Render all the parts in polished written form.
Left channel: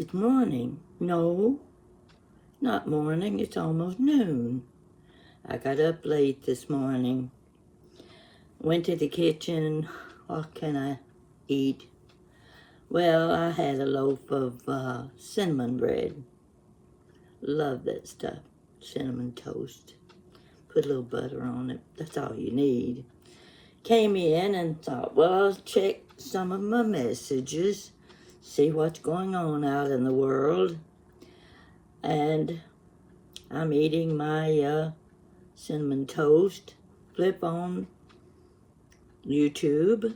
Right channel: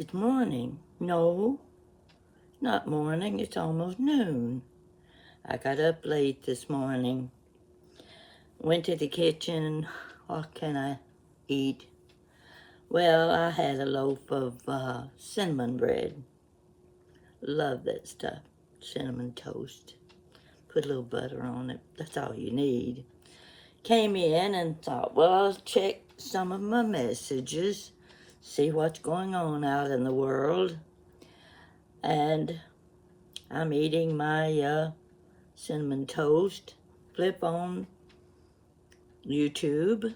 It's morning. No, not morning. It's almost noon. I got up late this morning. Went to the kitchen. What can I eat? Well, I had a loaf of cinnamon bread. Love that stuff. Cinnamon toast. Put a little butter on it. That's all you need. Came in and thought, well, I'll check some of my messages, see what's going on out in the world. And I'm eating my cinnamon toast. Flip on YouTube.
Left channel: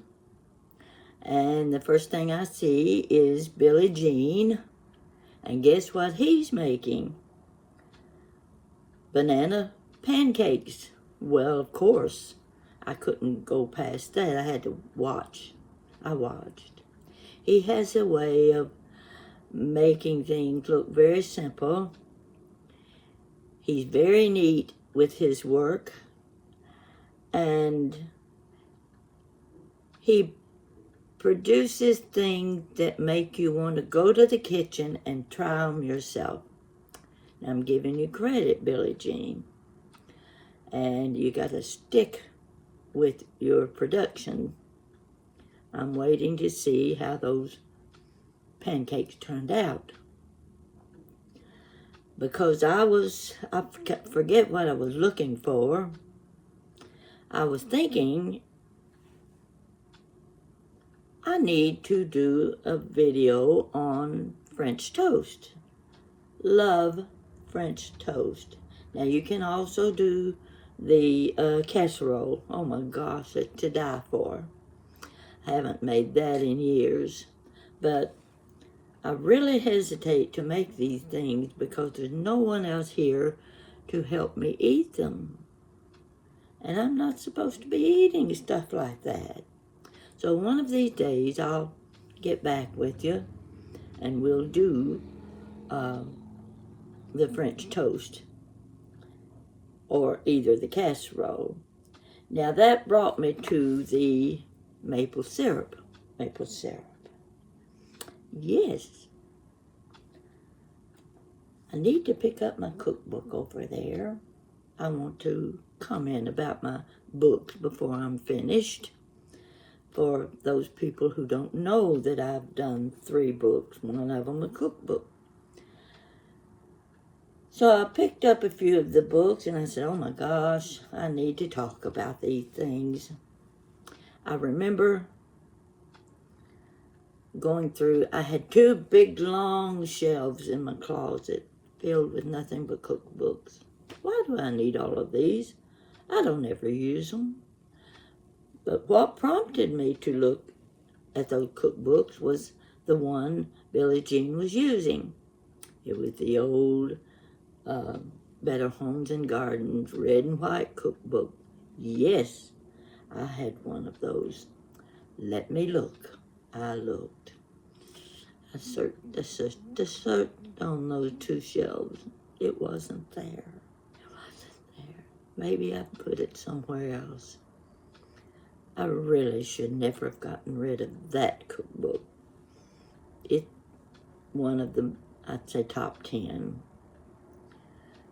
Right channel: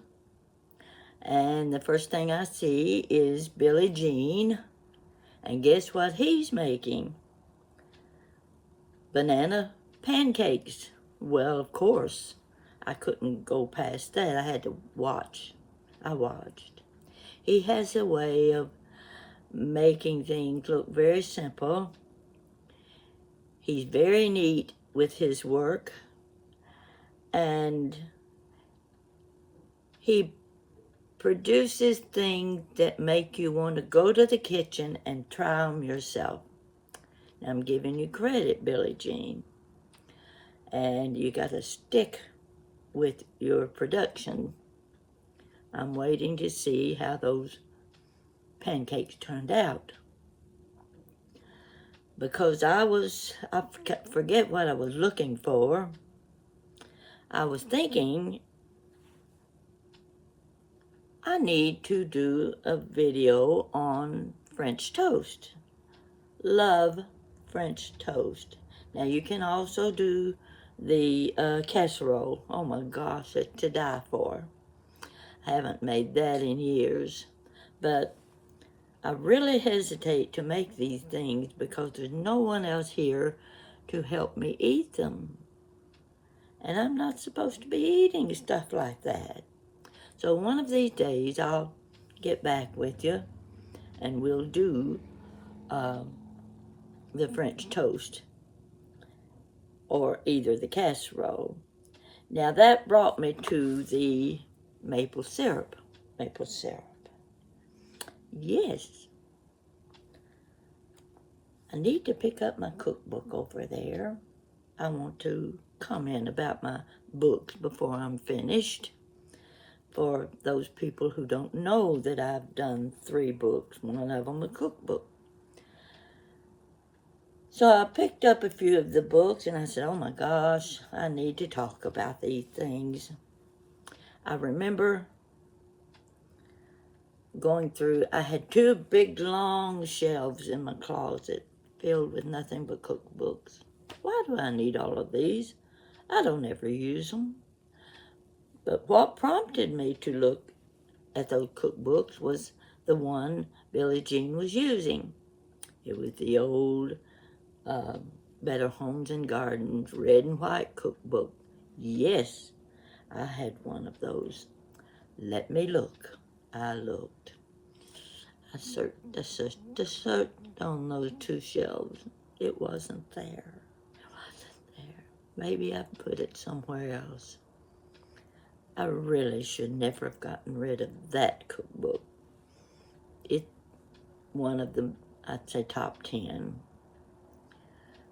And the first thing I see is Billie Jean. And guess what he's making? Banana pancakes. Well, of course, I couldn't go past that. I had to watch. I watched. He has a way of making things look very simple. He's very neat with his work. And he produces things that make you want to go to the kitchen and try them yourself. I'm giving you credit, Billie Jean. And you got to stick with your production. I'm waiting to see how those pancakes turned out. Because I forget what I was looking for. I was thinking I need to do a video on French toast. Love French toast. Now you can also do the casserole. Oh my gosh, it's to die for. I haven't made that in years. But I really hesitate to make these things because there's no one else here to help me eat them. And I'm not supposed to be eating stuff like that. So one of these days I'll get back with you and we'll do the French toast or either the casserole. Now that brought me to the maple syrup. Maple syrup. Yes. I need to pick up my cookbook over there. I want to comment about my books before I'm finished. For those people who don't know that I've done 3 books, one of them a cookbook. So I picked up a few of the books and I said, oh my gosh, I need to talk about these things. I remember going through, I had 2 big long shelves in my closet filled with nothing but cookbooks. Why do I need all of these? I don't ever use them. But what prompted me to look at those cookbooks was the one Billie Jean was using. It was the old Better Homes and Gardens red and white cookbook. Yes, I had one of those. Let me look. I looked. I searched on those 2 shelves. It wasn't there. It wasn't there. Maybe I put it somewhere else. I really should never have gotten rid of that cookbook. It's one of the, I'd say, top 10.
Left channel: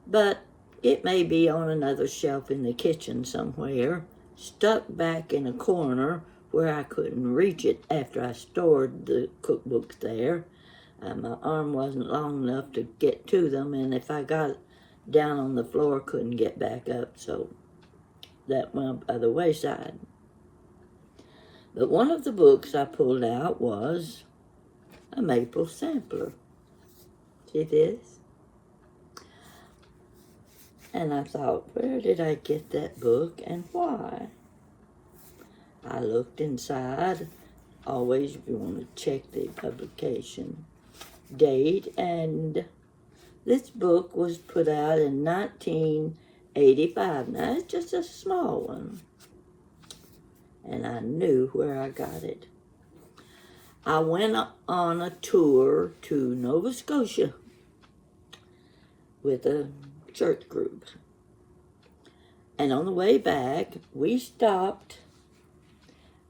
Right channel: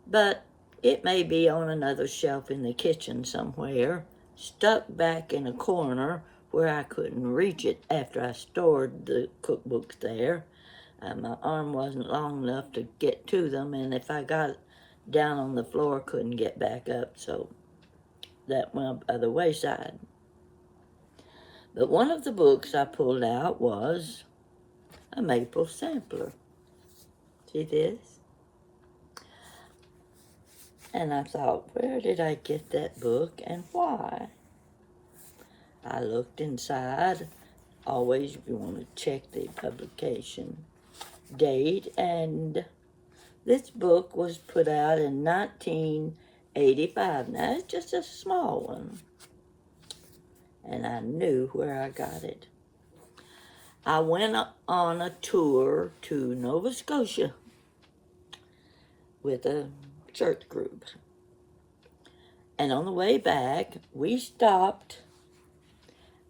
But it may be on another shelf in the kitchen somewhere, stuck back in a corner where I couldn't reach it after I stored the cookbooks there. My arm wasn't long enough to get to them, and if I got down on the floor, couldn't get back up, so that went by the wayside. But one of the books I pulled out was a maple sampler. See this? And I thought, where did I get that book and why? I looked inside. Always you want to check the publication date. And this book was put out in 1985. Now, it's just a small one. And I knew where I got it. I went on a tour to Nova Scotia with a church group. And on the way back, we stopped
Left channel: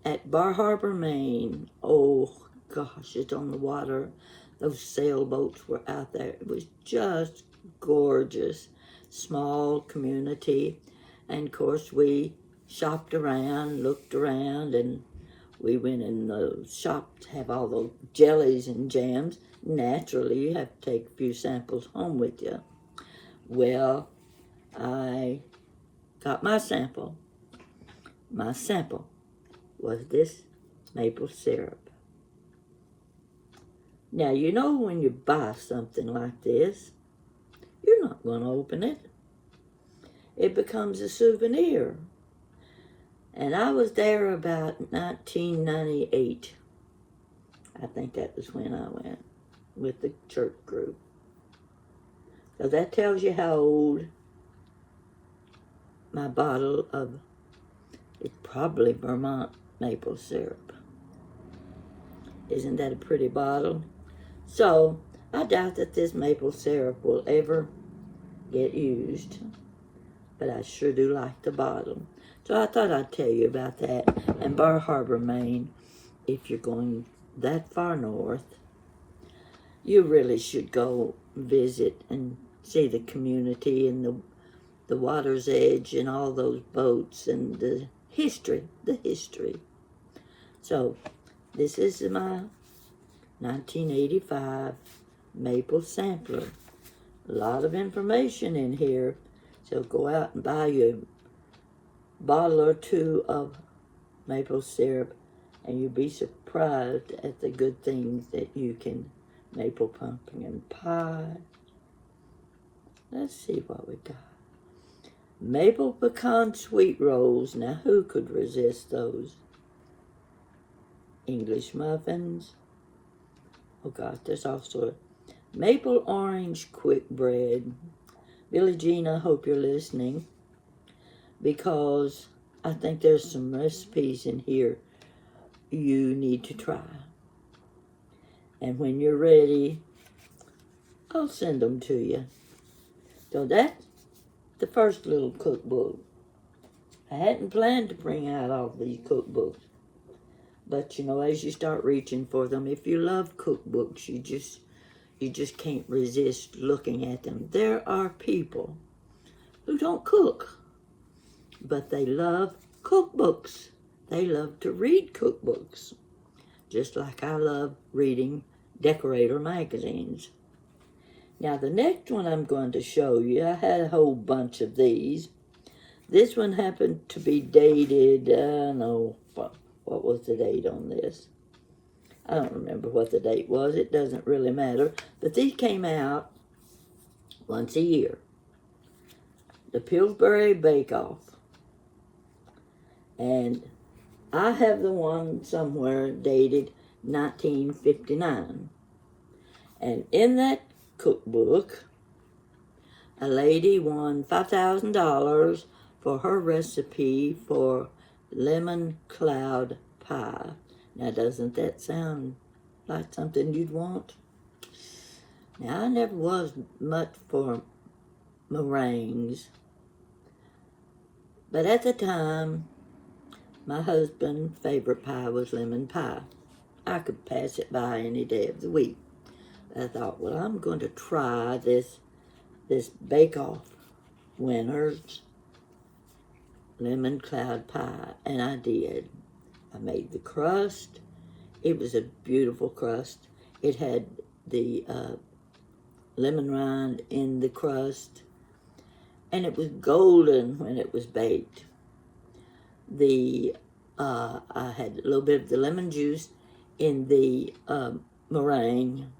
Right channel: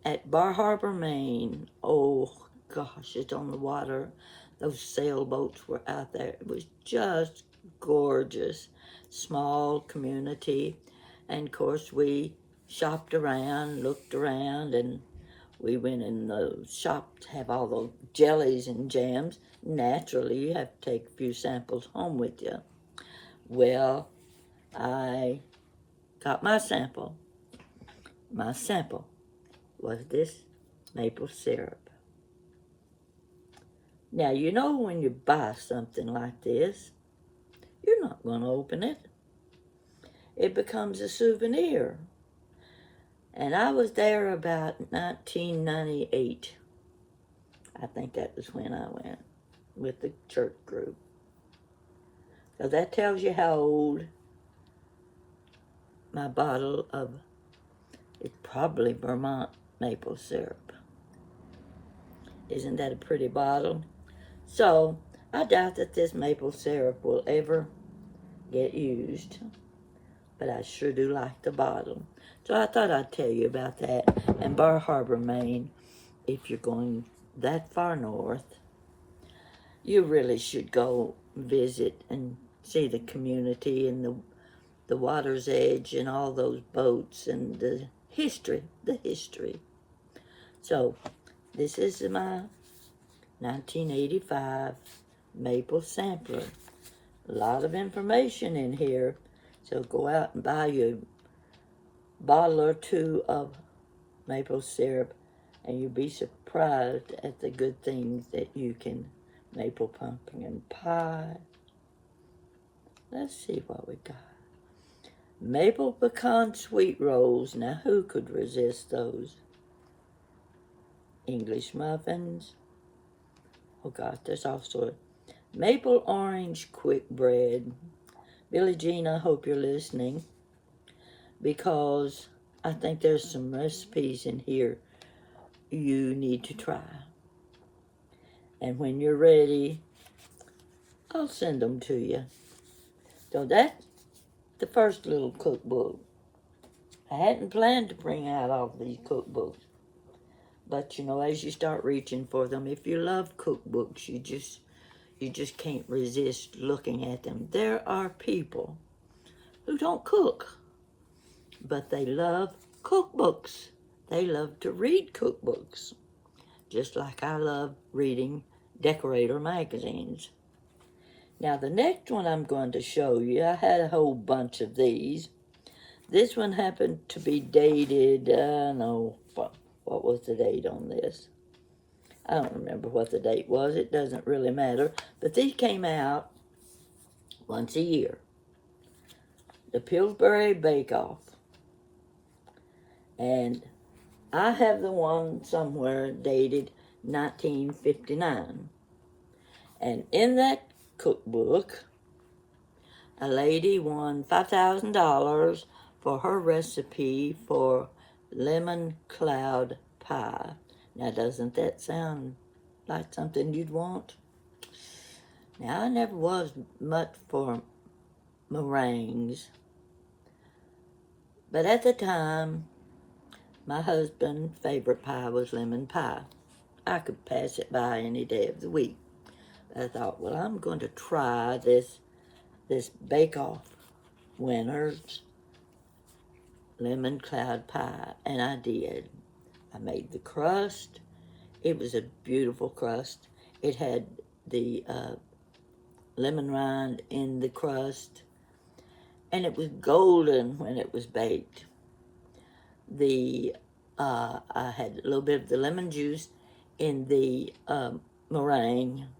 at Bar Harbor, Maine. Oh, gosh, it's on the water. Those sailboats were out there. It was just gorgeous. Small community. And of course we shopped around, looked around, and we went in the shop to have all those jellies and jams. Naturally, you have to take a few samples home with you. Well, I got my sample. My sample was this maple syrup. Now, you know when you buy something like this, you're not going to open it. It becomes a souvenir. And I was there about 1998. I think that was when I went with the church group. So that tells you how old my bottle of, it's probably Vermont maple syrup. Isn't that a pretty bottle? So I doubt that this maple syrup will ever get used, but I sure do like the bottle. So I thought I'd tell you about that. And Bar Harbor, Maine, if you're going that far north, you really should go visit and see the community and the water's edge and all those boats and the history. So this is my 1985 maple sampler. A lot of information in here. So go out and buy you a bottle or two of maple syrup, and you'll be surprised at the good things that you can. Maple pumpkin pie. Let's see what we got. Maple pecan sweet rolls. Now, who could resist those? English muffins. Oh gosh, there's also maple orange quick bread. Billie Jean, I hope you're listening, because I think there's some recipes in here you need to try. And when you're ready, I'll send them to you. So that's the first little cookbook. I hadn't planned to bring out all these cookbooks. But, you know, as you start reaching for them, if you love cookbooks, you just can't resist looking at them. There are people who don't cook, but they love cookbooks. They love to read cookbooks, just like I love reading decorator magazines. Now, the next one I'm going to show you, I had a whole bunch of these. This one happened to be dated, what was the date on this? I don't remember what the date was. It doesn't really matter. But these came out once a year. The Pillsbury Bake Off. And I have the one somewhere dated 1959. And in that cookbook, a lady won $5,000 for her recipe for lemon cloud pie. Now, doesn't that sound like something you'd want? Now, I never was much for meringues, but at the time, my husband's favorite pie was lemon pie. I could pass it by any day of the week. I thought, well, I'm going to try this bake-off winner's lemon cloud pie, and I did. I made the crust. It was a beautiful crust. It had the lemon rind in the crust, and it was golden when it was baked. I had a little bit of the lemon juice in the meringue,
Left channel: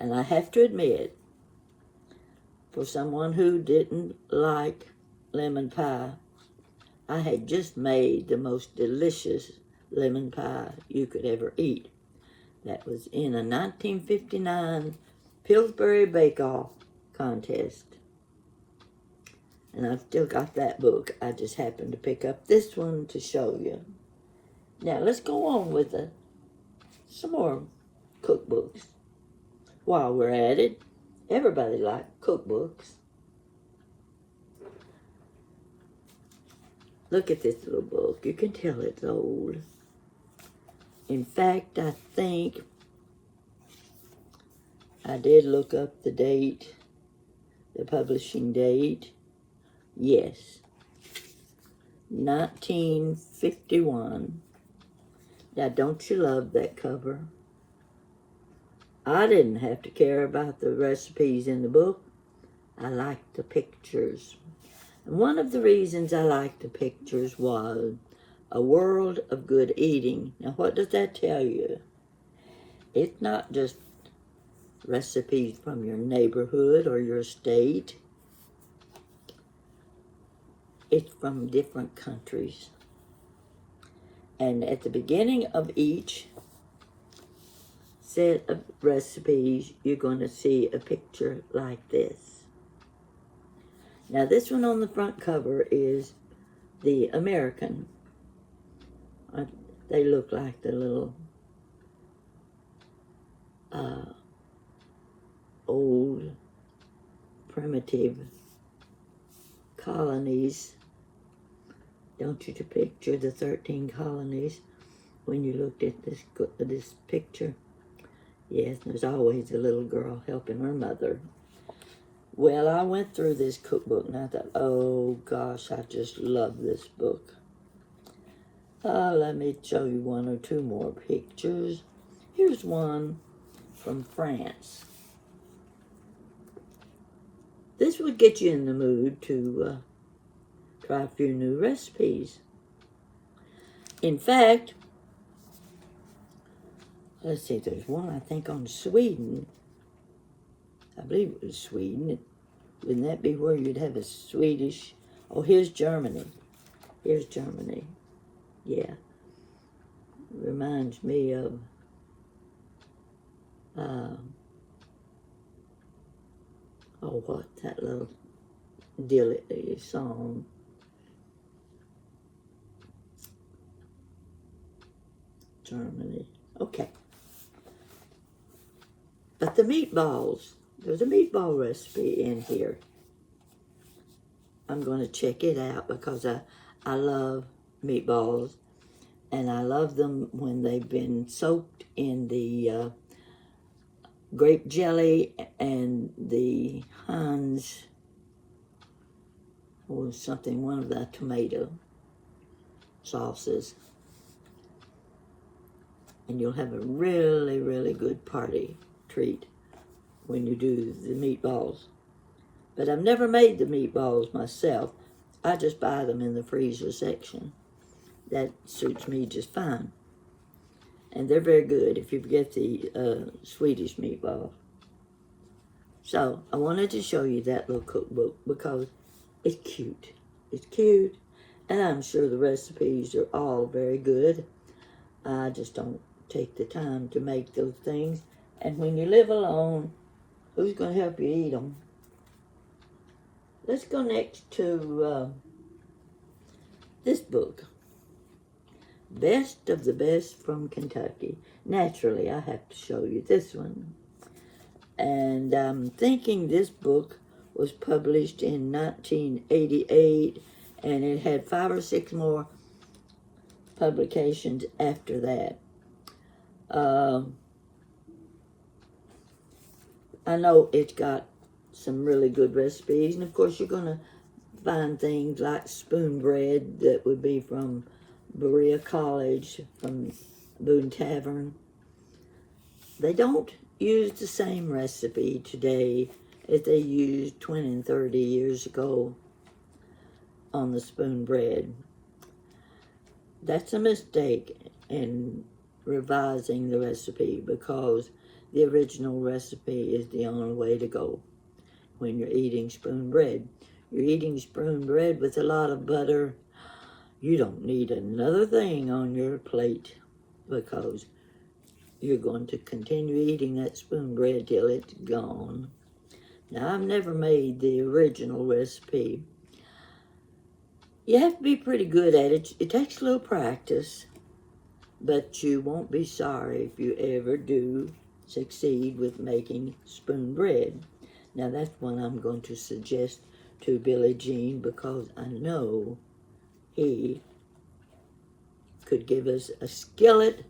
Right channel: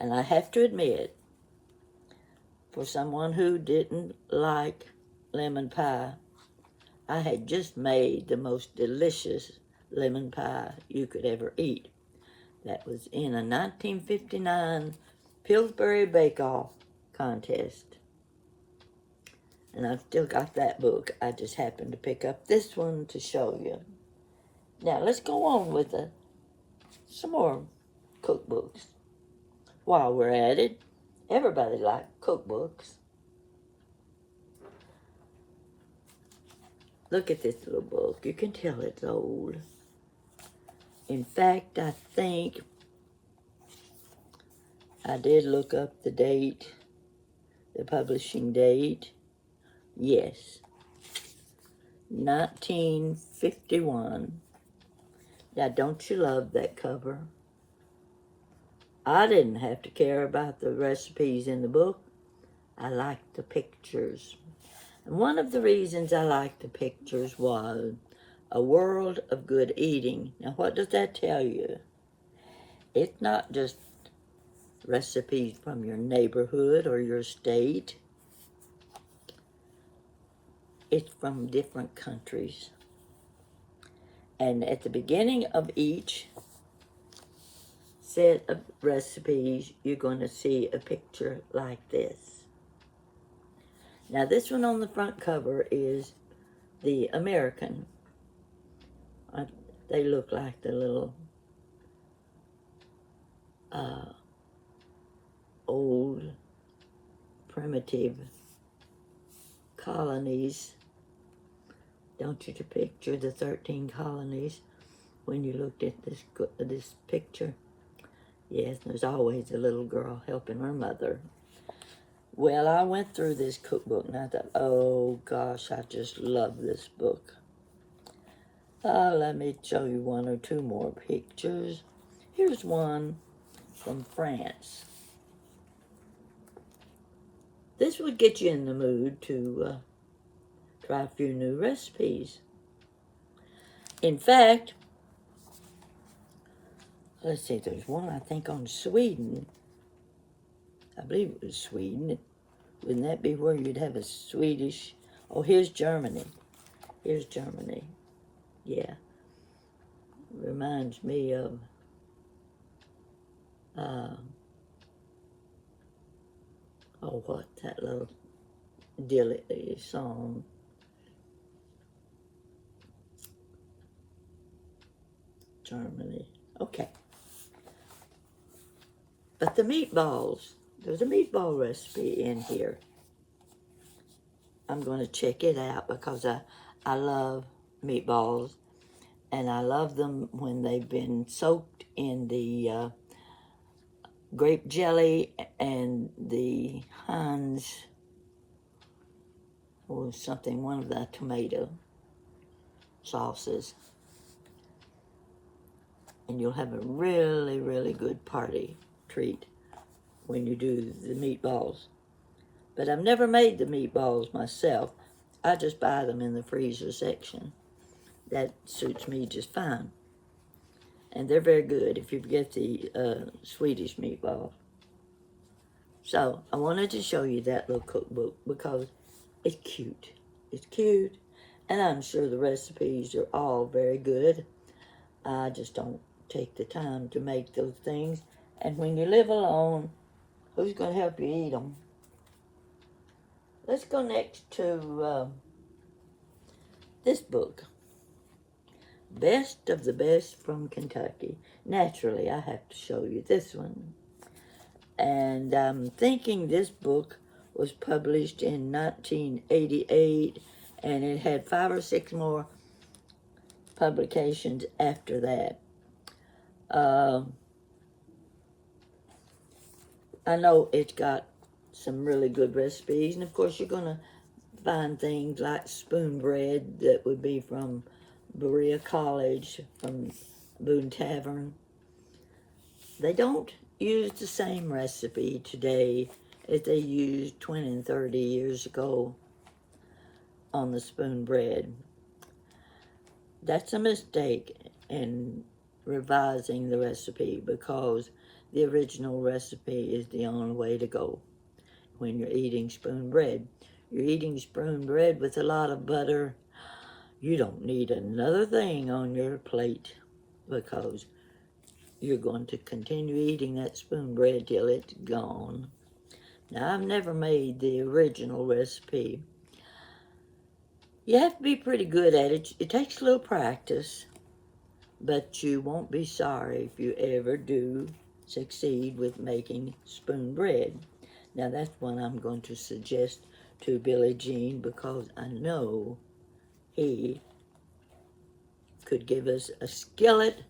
and I have to admit, for someone who didn't like lemon pie, I had just made the most delicious lemon pie you could ever eat. That was in a 1959 Pillsbury Bake Off contest. And I've still got that book. I just happened to pick up this one to show you. Now, let's go on with some more cookbooks. While we're at it, everybody likes cookbooks. Look at this little book. You can tell it's old. In fact, I think I did look up the date, the publishing date. Yes, 1951. Now, don't you love that cover? I didn't have to care about the recipes in the book. I liked the pictures. And one of the reasons I liked the pictures was a world of good eating. Now, what does that tell you? It's not just recipes from your neighborhood or your state. It's from different countries. And at the beginning of each set of recipes, you're going to see a picture like this. Now, this one on the front cover is the American. They look like the little old primitive colonies. Don't you picture the 13 colonies when you looked at this picture? Yes, there's always a little girl helping her mother. Well, I went through this cookbook and I thought, oh gosh, I just love this book. Let me show you one or two more pictures. Here's one from France. This would get you in the mood to try a few new recipes. In fact, let's see, there's one I think on Sweden. I believe it was Sweden. Wouldn't that be where you'd have a Swedish? Oh, here's Germany. Here's Germany. Yeah. Reminds me of oh, what, that little dilly song. Germany. Okay. But the meatballs, there's a meatball recipe in here. I'm going to check it out because I love meatballs. And I love them when they've been soaked in the grape jelly and the Heinz or something, one of the tomato sauces. And you'll have a really, really good party treat when you do the meatballs. But I've never made the meatballs myself. I just buy them in the freezer section. That suits me just fine. And they're very good if you get the Swedish meatball. So I wanted to show you that little cookbook because it's cute. It's cute. And I'm sure the recipes are all very good. I just don't take the time to make those things. And when you live alone, who's going to help you eat them? Let's go next to this book. Best of the Best from Kentucky. Naturally, I have to show you this one. And I'm thinking this book was published in 1988, and it had 5 or 6 more publications after that. I know it's got some really good recipes, and of course you're going to find things like spoon bread that would be from Berea College, from Boone Tavern. They don't use the same recipe today as they used 20 and 30 years ago on the spoon bread. That's a mistake in revising the recipe because the original recipe is the only way to go when you're eating spoon bread. You're eating spoon bread with a lot of butter. You don't need another thing on your plate because you're going to continue eating that spoon bread till it's gone. Now, I've never made the original recipe. You have to be pretty good at it. It takes a little practice, but you won't be sorry if you ever do succeed with making spoon bread. Now, that's one I'm going to suggest to Billy Jean because I know he could give us a skillet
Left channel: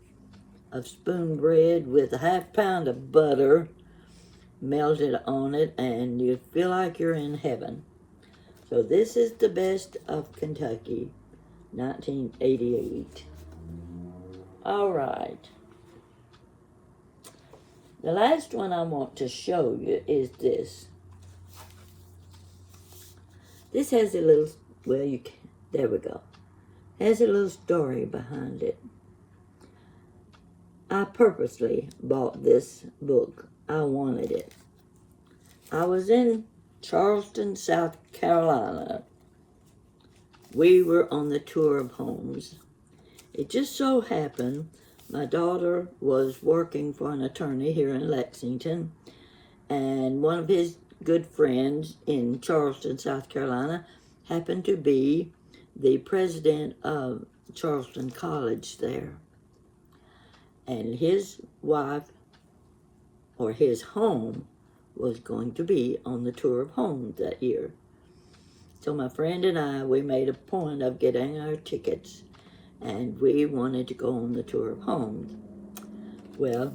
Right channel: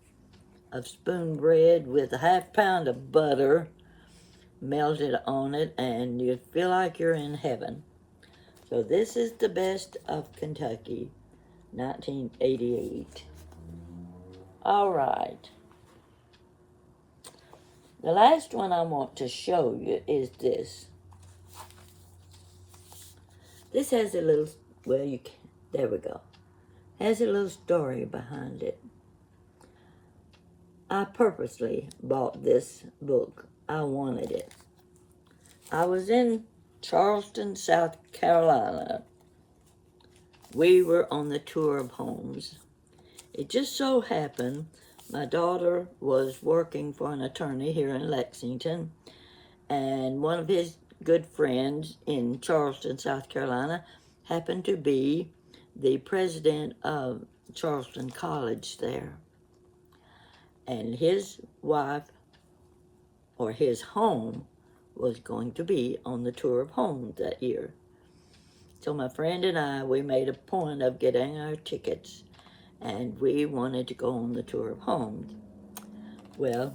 of spoon bread with a half pound of butter melted on it, and you feel like you're in heaven. So this is the best of Kentucky, 1988. All right. The last one I want to show you is this. This has a little, well, you can, there we go. Has a little story behind it. I purposely bought this book. I wanted it. I was in Charleston, South Carolina. We were on the tour of homes. It just so happened my daughter was working for an attorney here in Lexington, and one of his good friends in Charleston, South Carolina, happened to be the president of Charleston College there. And his wife, or his home, was going to be on the tour of homes that year. So my friend and I, we made a point of getting our tickets, and we wanted to go on the tour of homes. Well,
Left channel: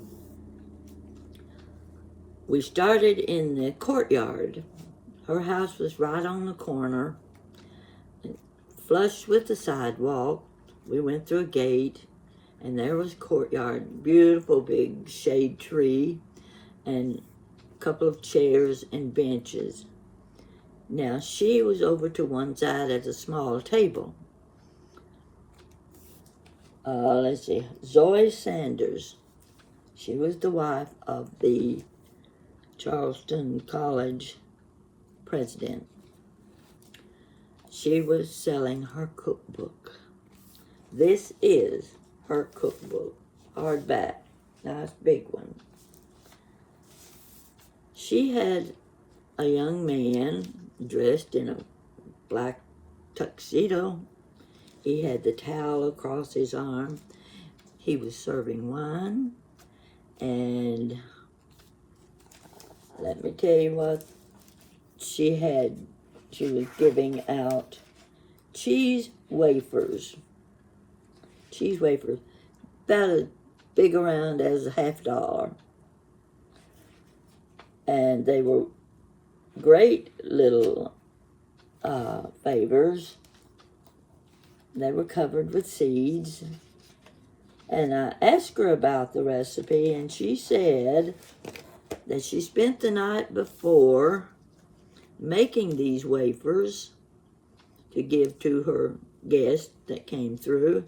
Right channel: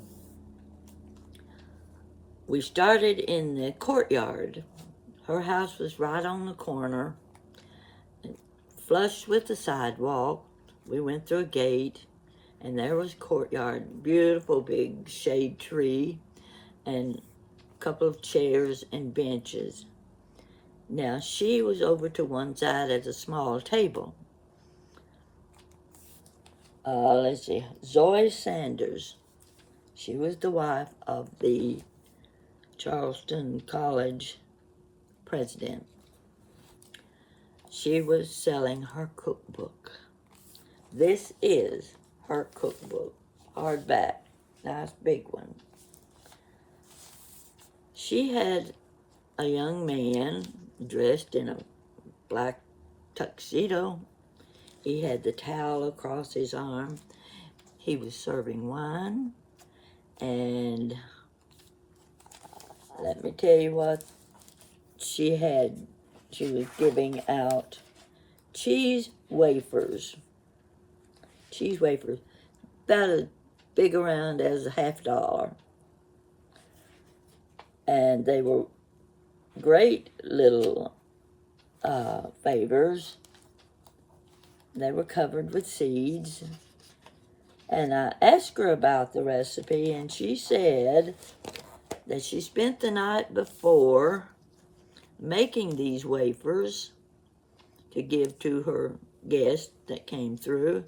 we started in the courtyard. Her house was right on the corner, flush with the sidewalk. We went through a gate, and there was courtyard, beautiful big shade tree, and a couple of chairs and benches. Now, she was over to one side at a small table. Let's see, Zoe Sanders. She was the wife of the Charleston College president. She was selling her cookbook. This is her cookbook, hardback, nice big one. She had a young man dressed in a black tuxedo. He had the towel across his arm. He was serving wine, and let me tell you what she had. She was giving out cheese wafers. Cheese wafers, about as big around as a $50. And they were great little favors. They were covered with seeds. And I asked her about the recipe, and she said that she spent the night before making these wafers to give to her guests that came through.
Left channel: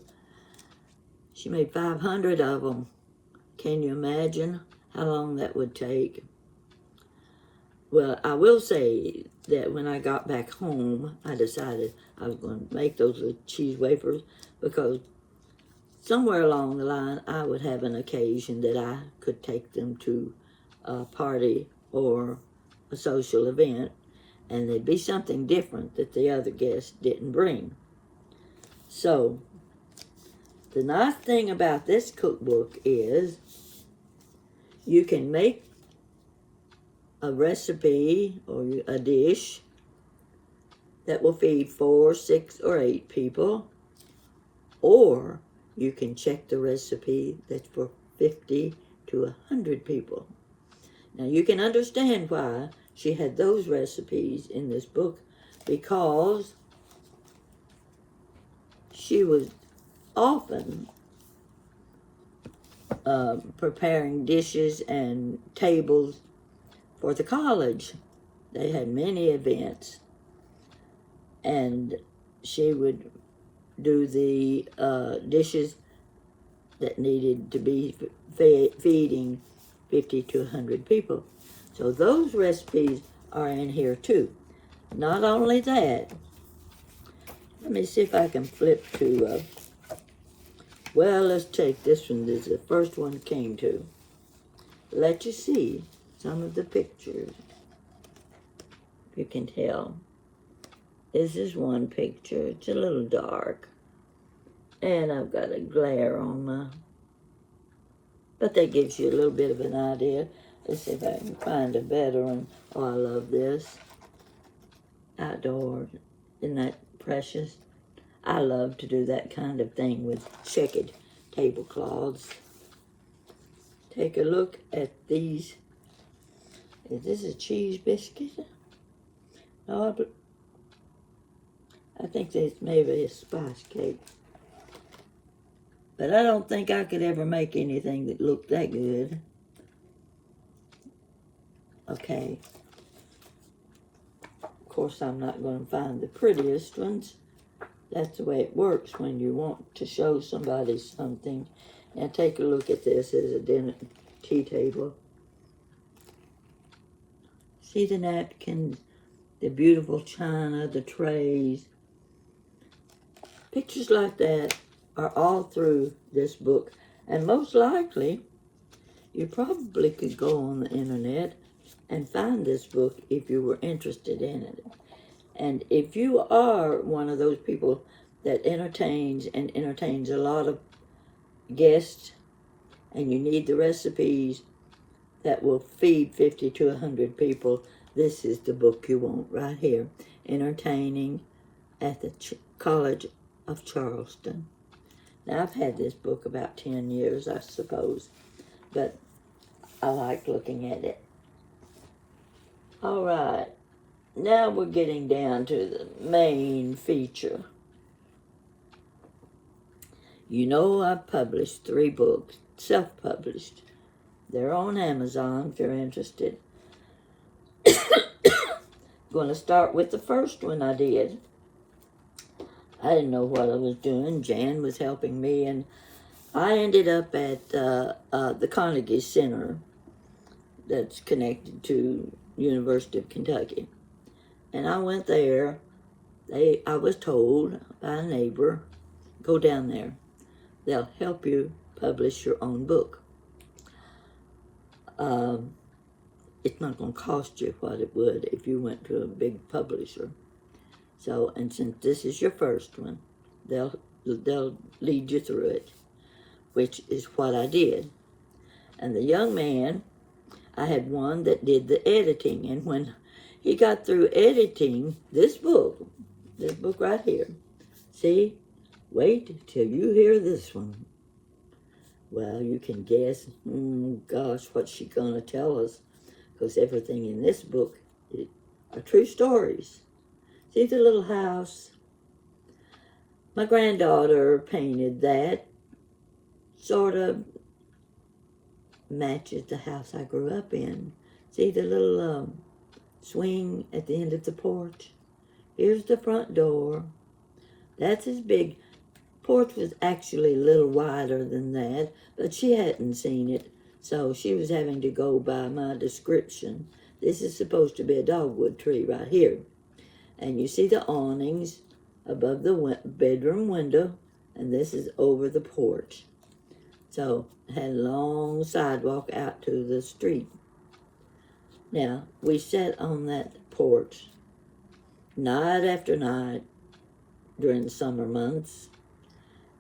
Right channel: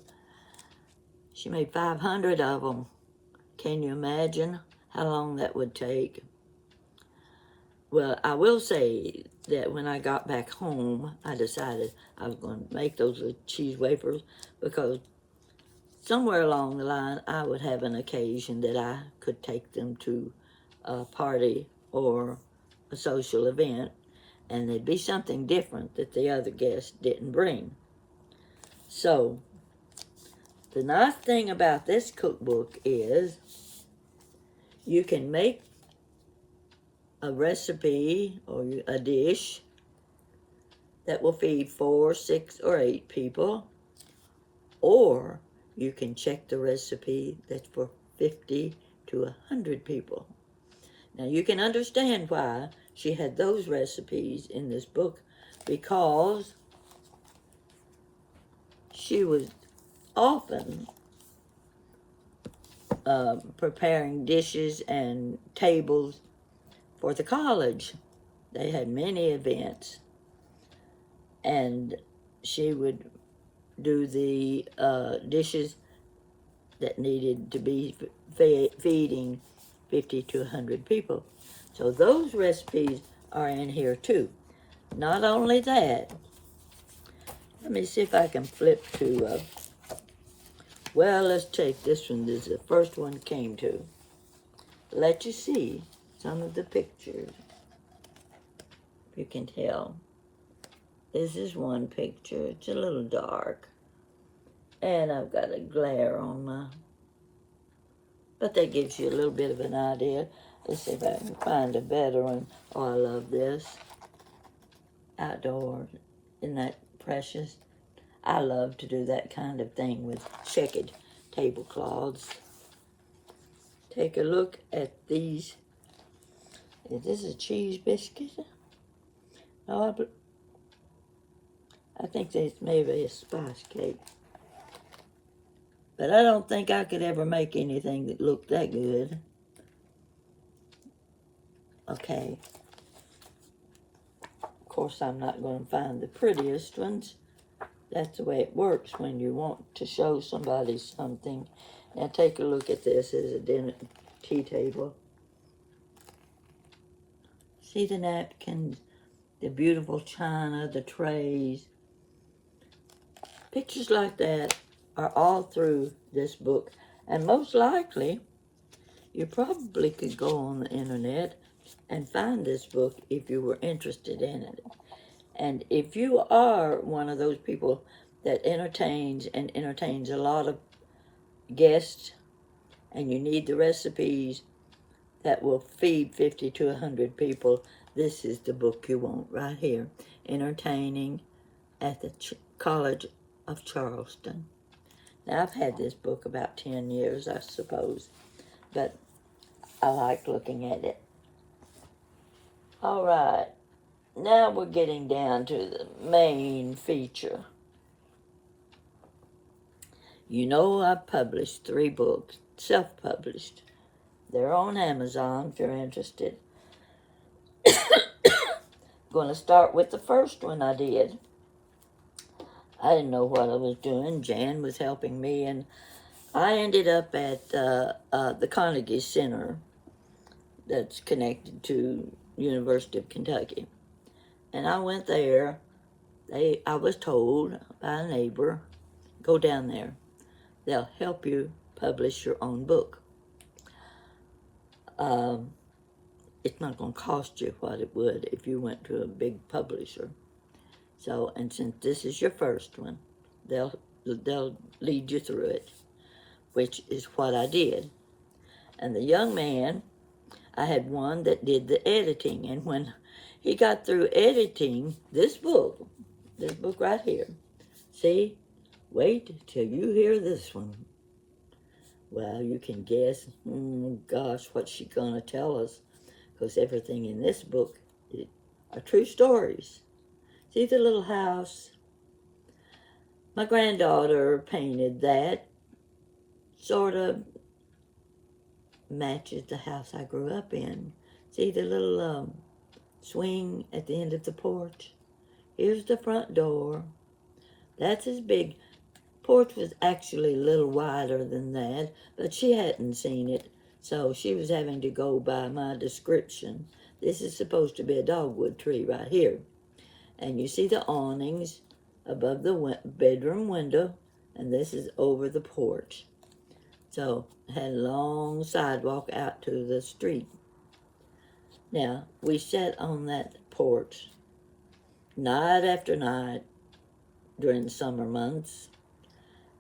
She made 500 of them. Can you imagine how long that would take? Well, I will say that when I got back home, I decided I was going to make those little cheese wafers, because somewhere along the line, I would have an occasion that I could take them to a party or a social event, and there'd be something different that the other guests didn't bring. So, the nice thing about this cookbook is you can make a recipe or a dish that will feed 4, 6, or 8 people, or you can check the recipe that's for 50 to 100 people. Now you can understand why she had those recipes in this book, because she was often preparing dishes and tables for the college. They had many events, and she would do the dishes that needed to be feeding 50 to 100 people. So those recipes are in here too. Not only that, let me see if I can flip to, well, let's take this one. This is the first one came to. Let you see some of the pictures. You can tell. This is one picture. It's a little dark. And I've got a glare on my... But that gives you a little bit of an idea. Let's see if I can find a better one. Oh, I love this. Outdoor. Isn't that precious? I love to do that kind of thing with checkered tablecloths. take a look at these. Is this a cheese biscuit? No, I think that's maybe a spice cake. But I don't think I could ever make anything that looked that good. Okay. Of course, I'm not going to find the prettiest ones. That's the way it works when you want to show somebody something. Now take a look at this as a dinner tea table. See the napkins, the beautiful china, the trays. Pictures like that are all through this book. And most likely, you probably could go on the internet and find this book if you were interested in it. And if you are one of those people that entertains a lot of guests, and you need the recipes that will feed 50 to 100 people, this is the book you want right here. Entertaining at the College of Charleston. Now, I've had this book about 10 years, I suppose, but I like looking at it. All right, now we're getting down to the main feature. You know, I've published 3 books, self-published. They're on Amazon if you're interested. Going to start with the first one I did. I didn't know what I was doing. Jan was helping me, and I ended up at the Carnegie Center that's connected to University of Kentucky. And I went there. I was told by a neighbor, go down there. They'll help you publish your own book. It's not going to cost you what it would if you went to a big publisher. So, and since this is your first one, they'll lead you through it, which is what I did. And the young man, I had one that did the editing, and when he got through editing this book right here, see, wait till you hear this one. Well, you can guess, gosh, what's she gonna tell us? Because everything in this book are true stories. See the little house? My granddaughter painted that. Sort of matches the house I grew up in. See the little swing at the end of the porch? Here's the front door. That's as big. Porch was actually a little wider than that, but she hadn't seen it, so she was having to go by my description. This is supposed to be a dogwood tree right here. And you see the awnings above the bedroom window, and this is over the porch. So, had a long sidewalk out to the street. Now, we sat on that porch night after night during the summer months.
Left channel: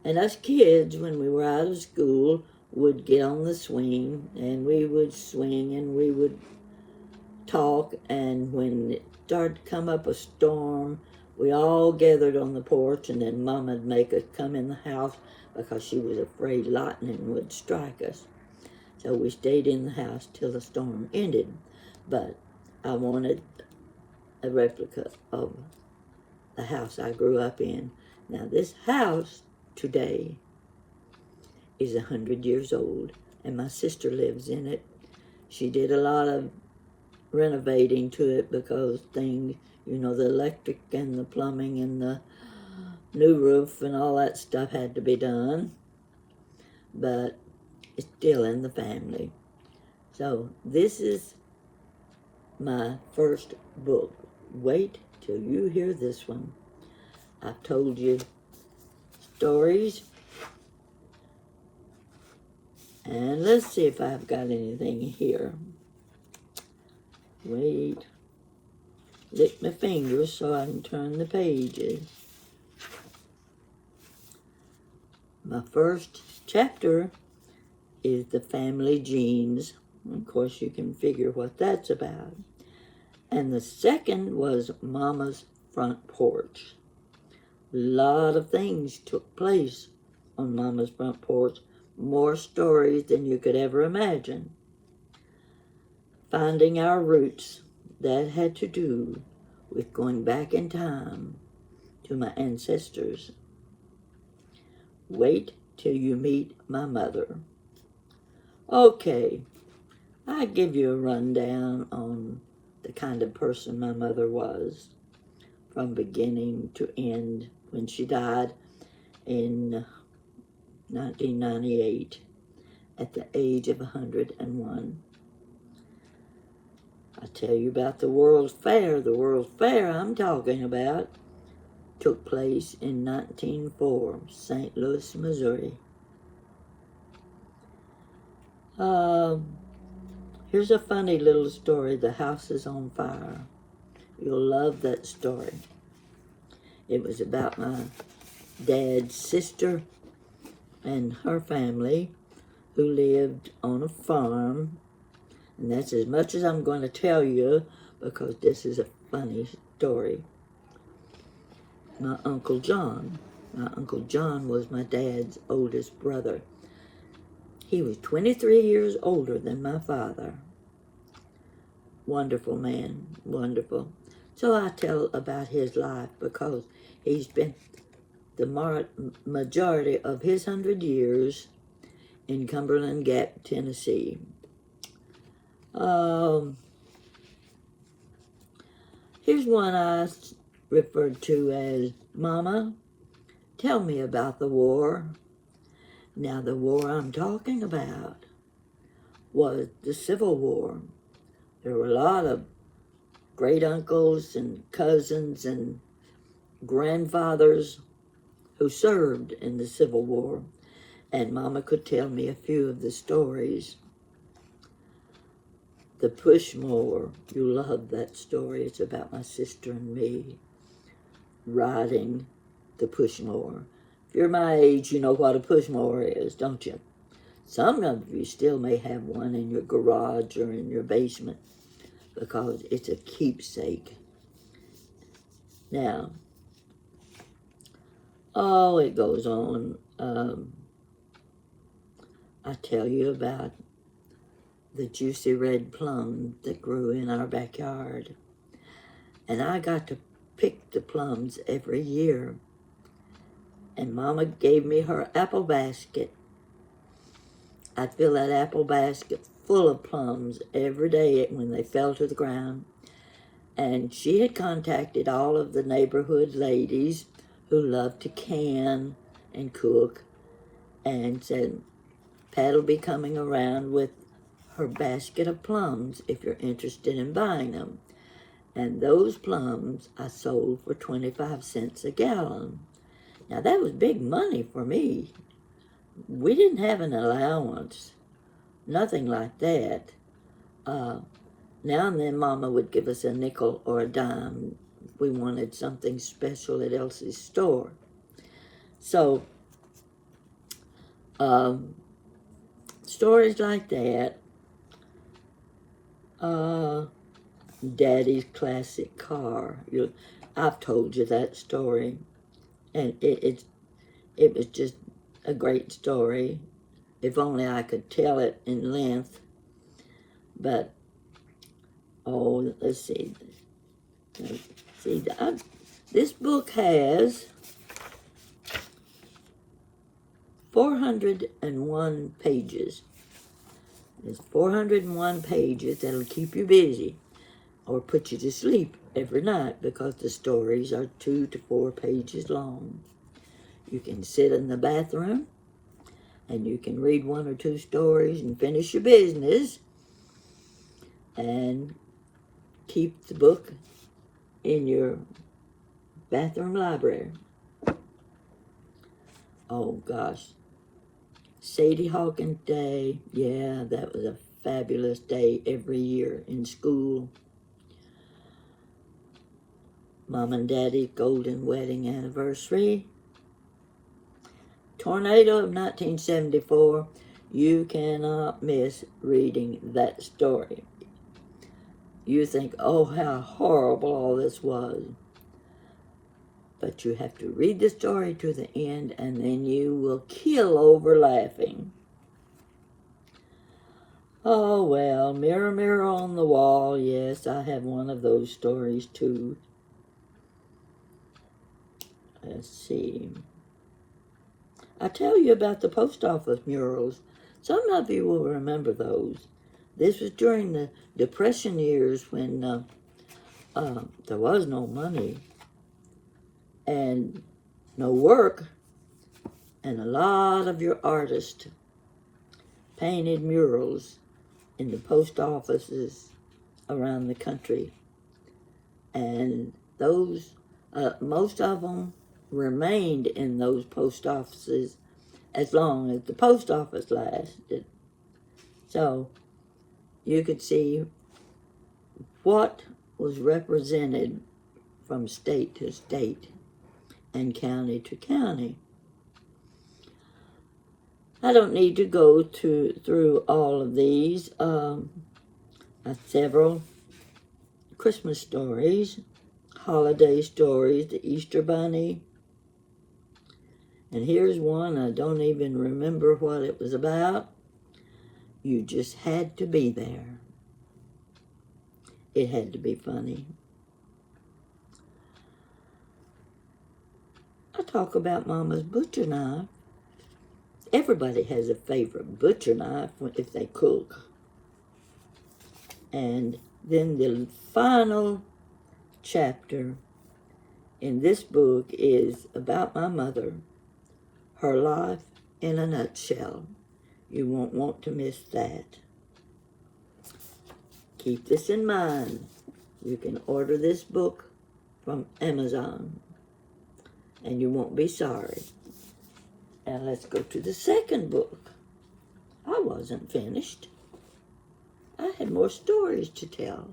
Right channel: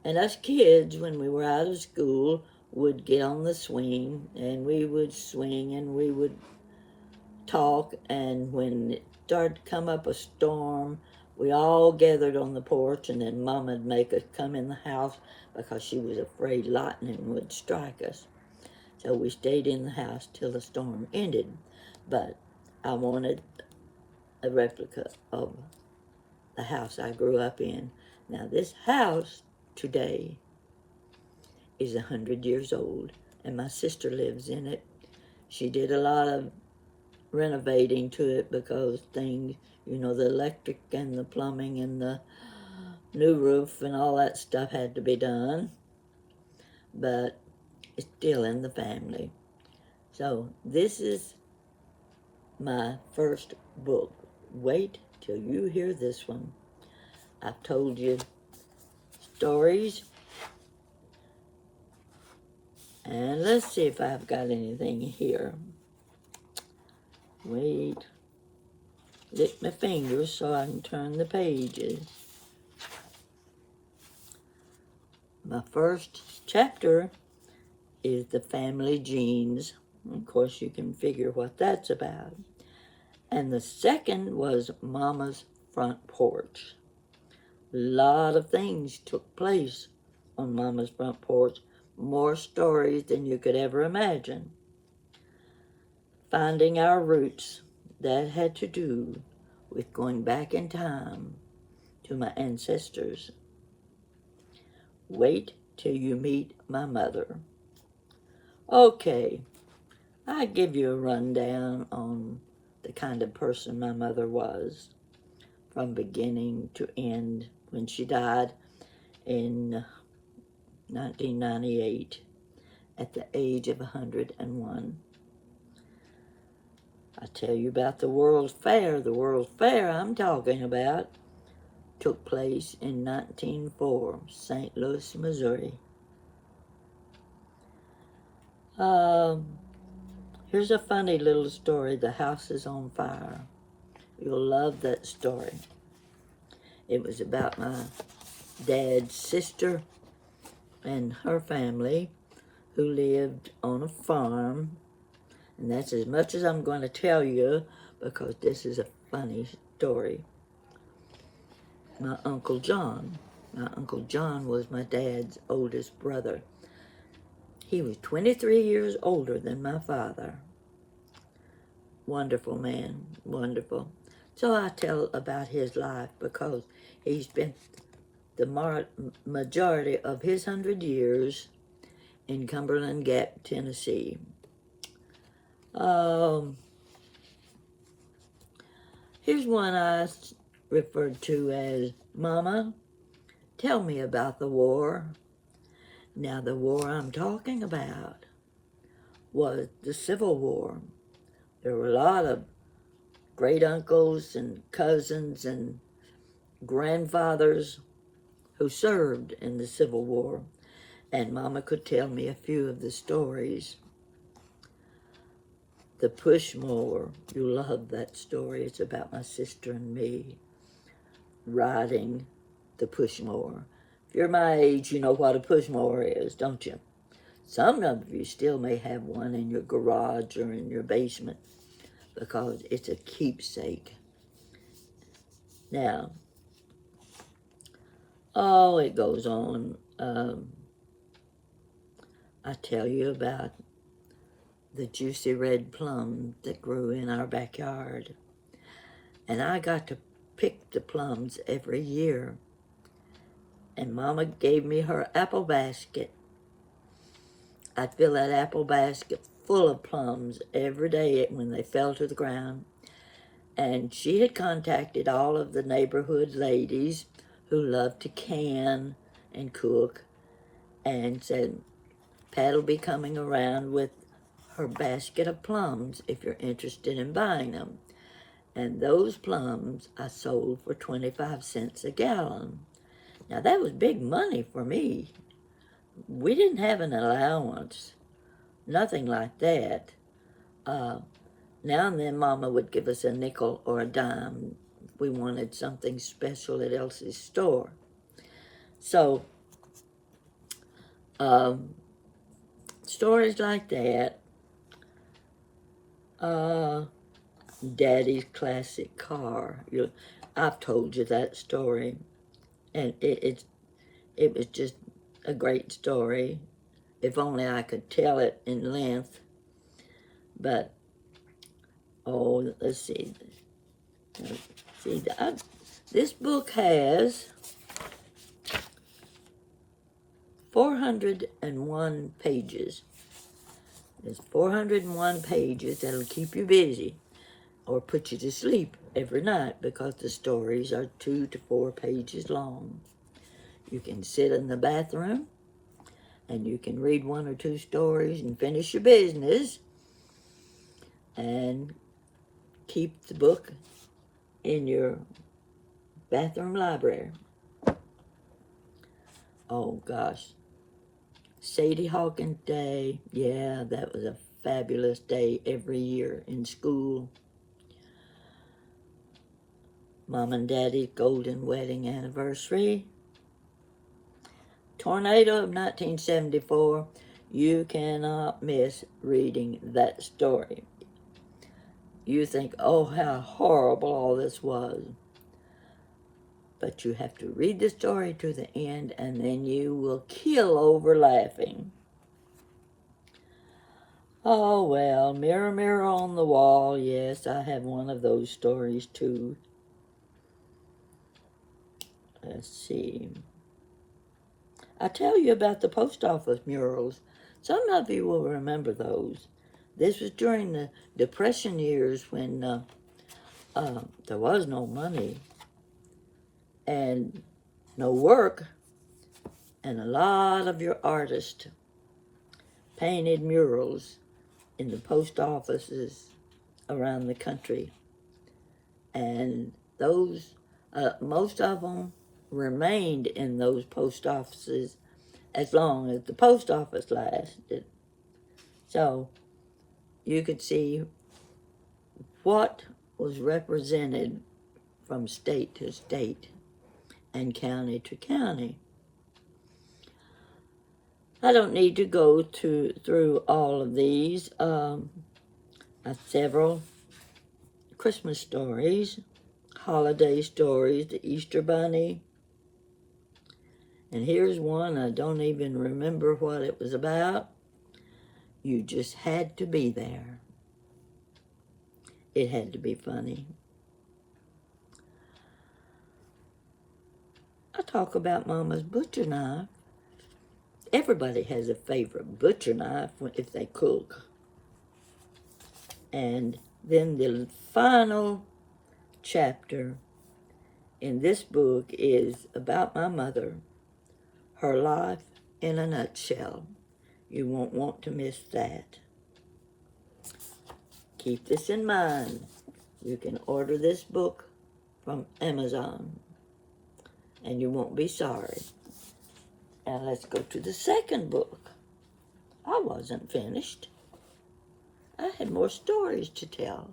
And us kids, when we were out of school, would get on the swing, and we would swing, and we would talk. And when it started to come up a storm, we all gathered on the porch, and then Mom would make us come in the house because she was afraid lightning would strike us. So we stayed in the house till the storm ended. But I wanted a replica of the house I grew up in. Now, this house today is 100 years old, and my sister lives in it. She did a lot of renovating to it because things, you know, the electric and the plumbing and the new roof and all that stuff had to be done, but it's still in the family. So this is my first book. Wait till you hear this one. I've told you stories, and let's see if I've got anything here. Wait, lick my fingers so I can turn the pages. My first chapter is the family genes. Of course, you can figure what that's about. And the second was Mama's front porch. A lot of things took place on Mama's front porch more stories than you could ever imagine. Finding our roots, that had to do with going back in time to my ancestors. Wait till you meet my mother. Okay, I give you a rundown on the kind of person my mother was from beginning to end when she died in 1998 at the age of 101. I tell you about the World's Fair. The World's Fair I'm talking about took place in 1904, St. Louis, Missouri. Here's a funny little story. The house is on fire. You'll love that story. It was about my dad's sister and her family who lived on a farm. And that's as much as I'm going to tell you because this is a funny story. My Uncle John was my dad's oldest brother. He was 23 years older than my father. Wonderful man, wonderful. So I tell about his life because he spent the majority of his 100 years in Cumberland Gap, Tennessee. Here's one I referred to as, Mama, tell me about the war. Now, the war I'm talking about was the Civil War. There were a lot of great uncles and cousins and grandfathers who served in the Civil War, and Mama could tell me a few of the stories. The pushmower, you love that story. It's about my sister and me riding the pushmower. If you're my age, you know what a pushmower is, don't you? Some of you still may have one in your garage or in your basement because it's a keepsake. Now, it goes on. I tell you about the juicy red plum that grew in our backyard. And I got to pick the plums every year. And Mama gave me her apple basket. I'd fill that apple basket full of plums every day when they fell to the ground. And she had contacted all of the neighborhood ladies who loved to can and cook and said, Pat'll be coming around with her basket of plums if you're interested in buying them. And those plums I sold for 25 cents a gallon. Now that was big money for me. We didn't have an allowance, nothing like that. Now and then Mama would give us a nickel or a dime if we wanted something special at Elsie's store. So, stories like that. Daddy's classic car. I've told you that story, and it was just a great story. If only I could tell it in length. But let's see. This book has 401 pages. There's 401 pages that'll keep you busy or put you to sleep every night because the stories are 2 to 4 pages long. You can sit in the bathroom and you can read 1 or 2 stories and finish your business and keep the book in your bathroom library. Oh gosh. Sadie Hawkins Day, yeah, that was a fabulous day every year in school. Mom and Daddy's golden wedding anniversary. Tornado of 1974, you cannot miss reading that story. You think, oh, how horrible all this was. But you have to read the story to the end, and then you will kill over laughing. Oh, well, mirror, mirror on the wall. Yes, I have one of those stories too. Let's see. I tell you about the post office murals. Some of you will remember those. This was during the Depression years when there was no money and no work, and a lot of your artists painted murals in the post offices around the country. And those, most of them remained in those post offices as long as the post office lasted. So you could see what was represented from state to state and county to county. I don't need to go through all of these. Several Christmas stories, holiday stories, the Easter Bunny. And here's one, I don't even remember what it was about. You just had to be there. It had to be funny. I talk about Mama's butcher knife. Everybody has a favorite butcher knife if they cook. And then the final chapter in this book is about my mother, her life in a nutshell. You won't want to miss that. Keep this in mind. You can order this book from Amazon, and you won't be sorry. Now let's go to the second book. I wasn't finished. I had more stories to tell.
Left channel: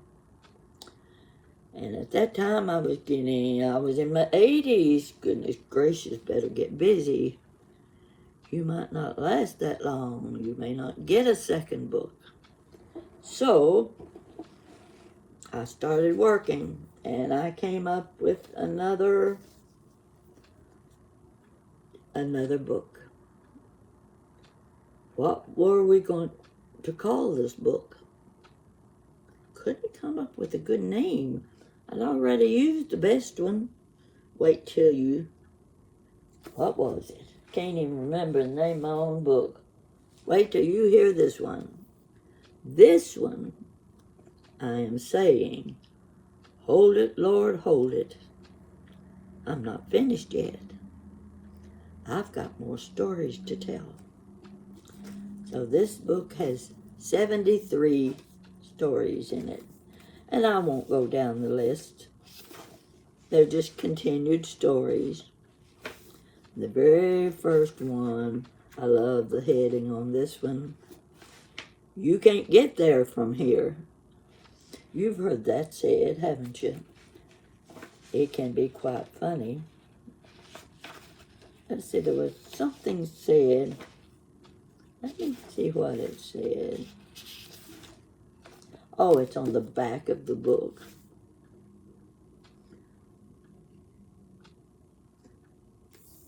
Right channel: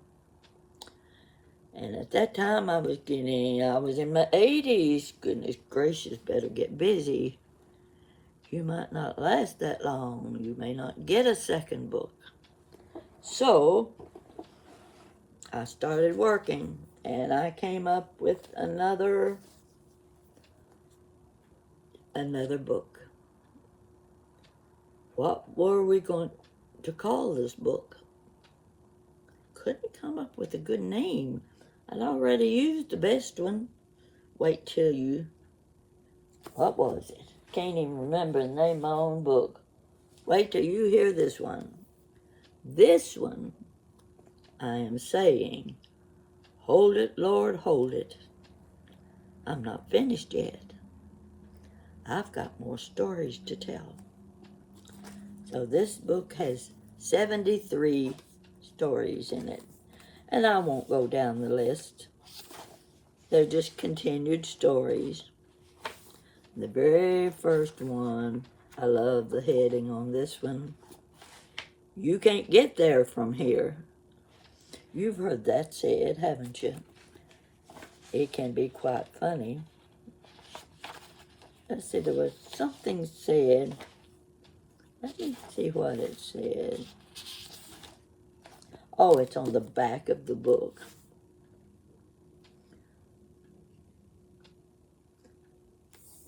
And at that time I was in my 80s. Goodness gracious, better get busy. You might not last that long. You may not get a second book. So I started working, and I came up with another book. What were we going to call this book? Couldn't come up with a good name. I'd already used the best one. Wait till you... What was it? Can't even remember the name of my own book. Wait till you hear this one. This one, I am saying, hold it, Lord, hold it. I'm not finished yet. I've got more stories to tell. So this book has 73 stories in it. And I won't go down the list. They're just continued stories. The very first one, I love the heading on this one. You can't get there from here. You've heard that said, haven't you? It can be quite funny. Let's see, there was something said. Let me see what it said. Oh, it's on the back of the book.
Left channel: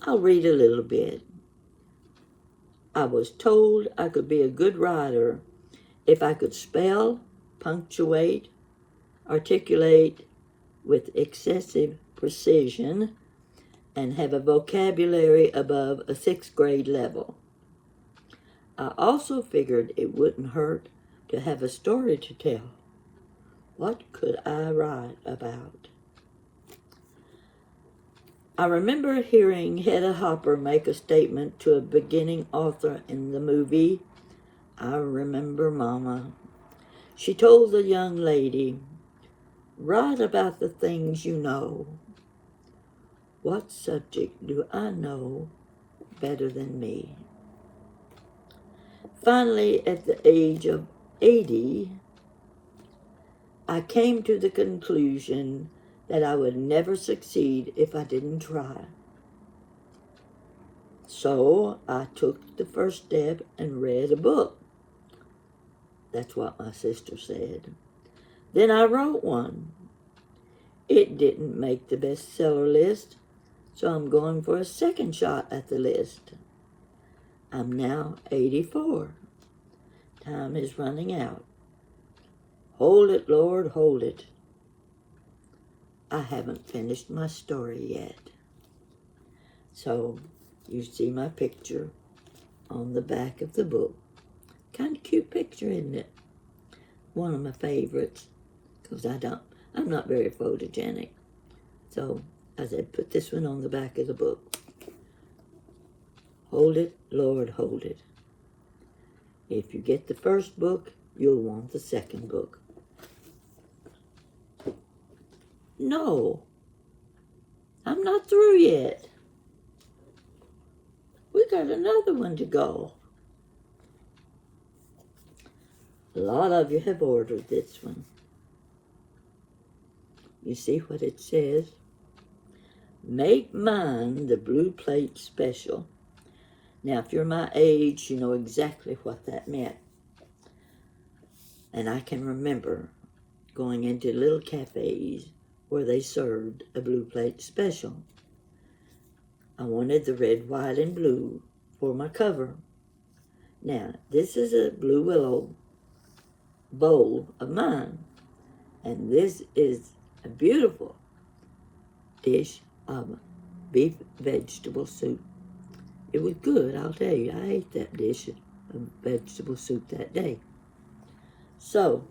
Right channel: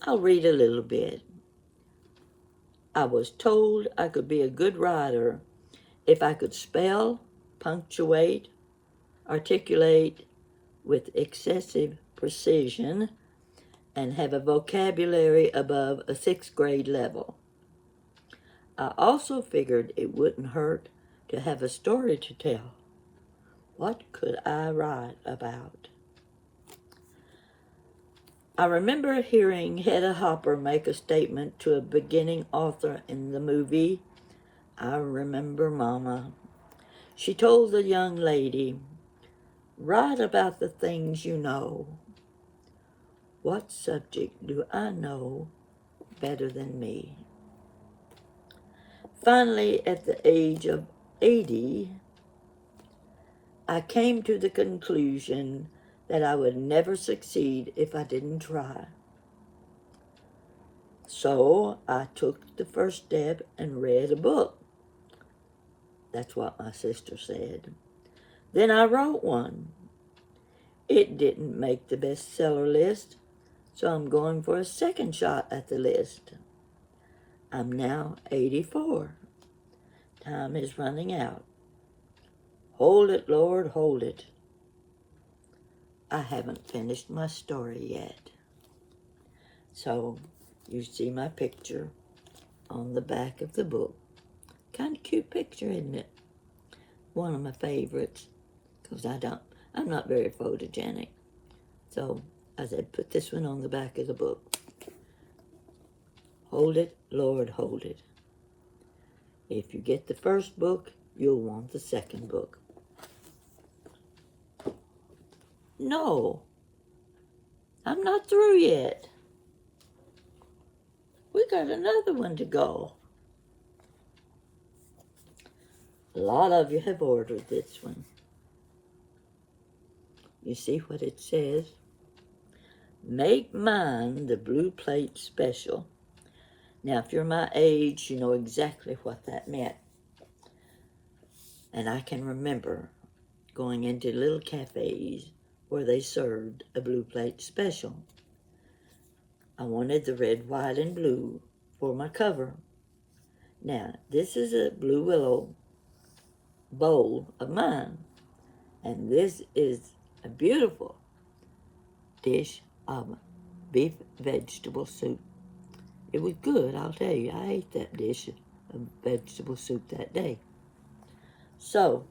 I'll read a little bit. I was told I could be a good writer if I could spell, punctuate, articulate with excessive precision, and have a vocabulary above a 6th grade level. I also figured it wouldn't hurt to have a story to tell. What could I write about? I remember hearing Hedda Hopper make a statement to a beginning author in the movie I Remember Mama. She told the young lady, write about the things you know. What subject do I know better than me? Finally, at the age of 80, I came to the conclusion that I would never succeed if I didn't try. So I took the first step and read a book. That's what my sister said. Then I wrote one. It didn't make the bestseller list, so I'm going for a second shot at the list. I'm now 84. Time is running out. Hold it, Lord, hold it. I haven't finished my story yet. So you see my picture on the back of the book. Kind of cute picture, isn't it? One of my favorites, because I'm not very photogenic. So I said, put this one on the back of the book. Hold it, Lord, hold it. If you get the first book, you'll want the second book. No, I'm not through yet. We got another one to go. A lot of you have ordered this one. You see what it says? Make mine the blue plate special. Now, if you're my age, you know exactly what that meant. And I can remember going into little cafes where they served a blue plate special. I wanted the red, white, and blue for my cover. Now, this is a blue willow bowl of mine. And this is a beautiful dish of beef vegetable soup. It was good, I'll tell you. I ate that dish of vegetable soup that day. So,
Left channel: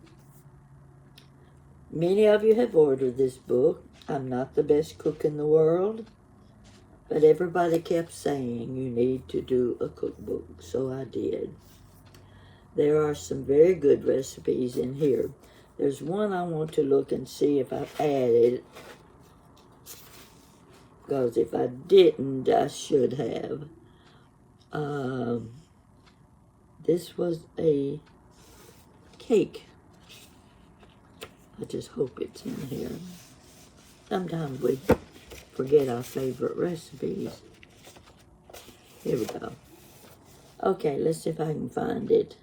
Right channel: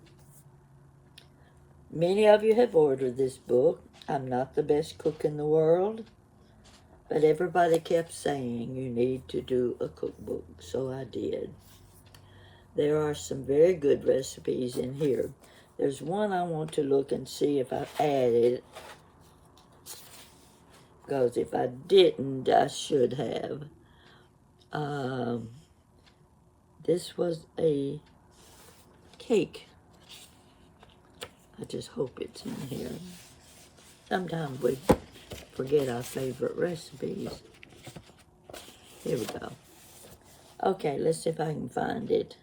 many of you have ordered this book. I'm not the best cook in the world, but everybody kept saying you need to do a cookbook, so I did. There are some very good recipes in here. There's one I want to look and see if I've added, because if I didn't, I should have. This was a cake. I just hope it's in here. Sometimes we forget our favorite recipes. Here we go. Okay, let's see if I can find it.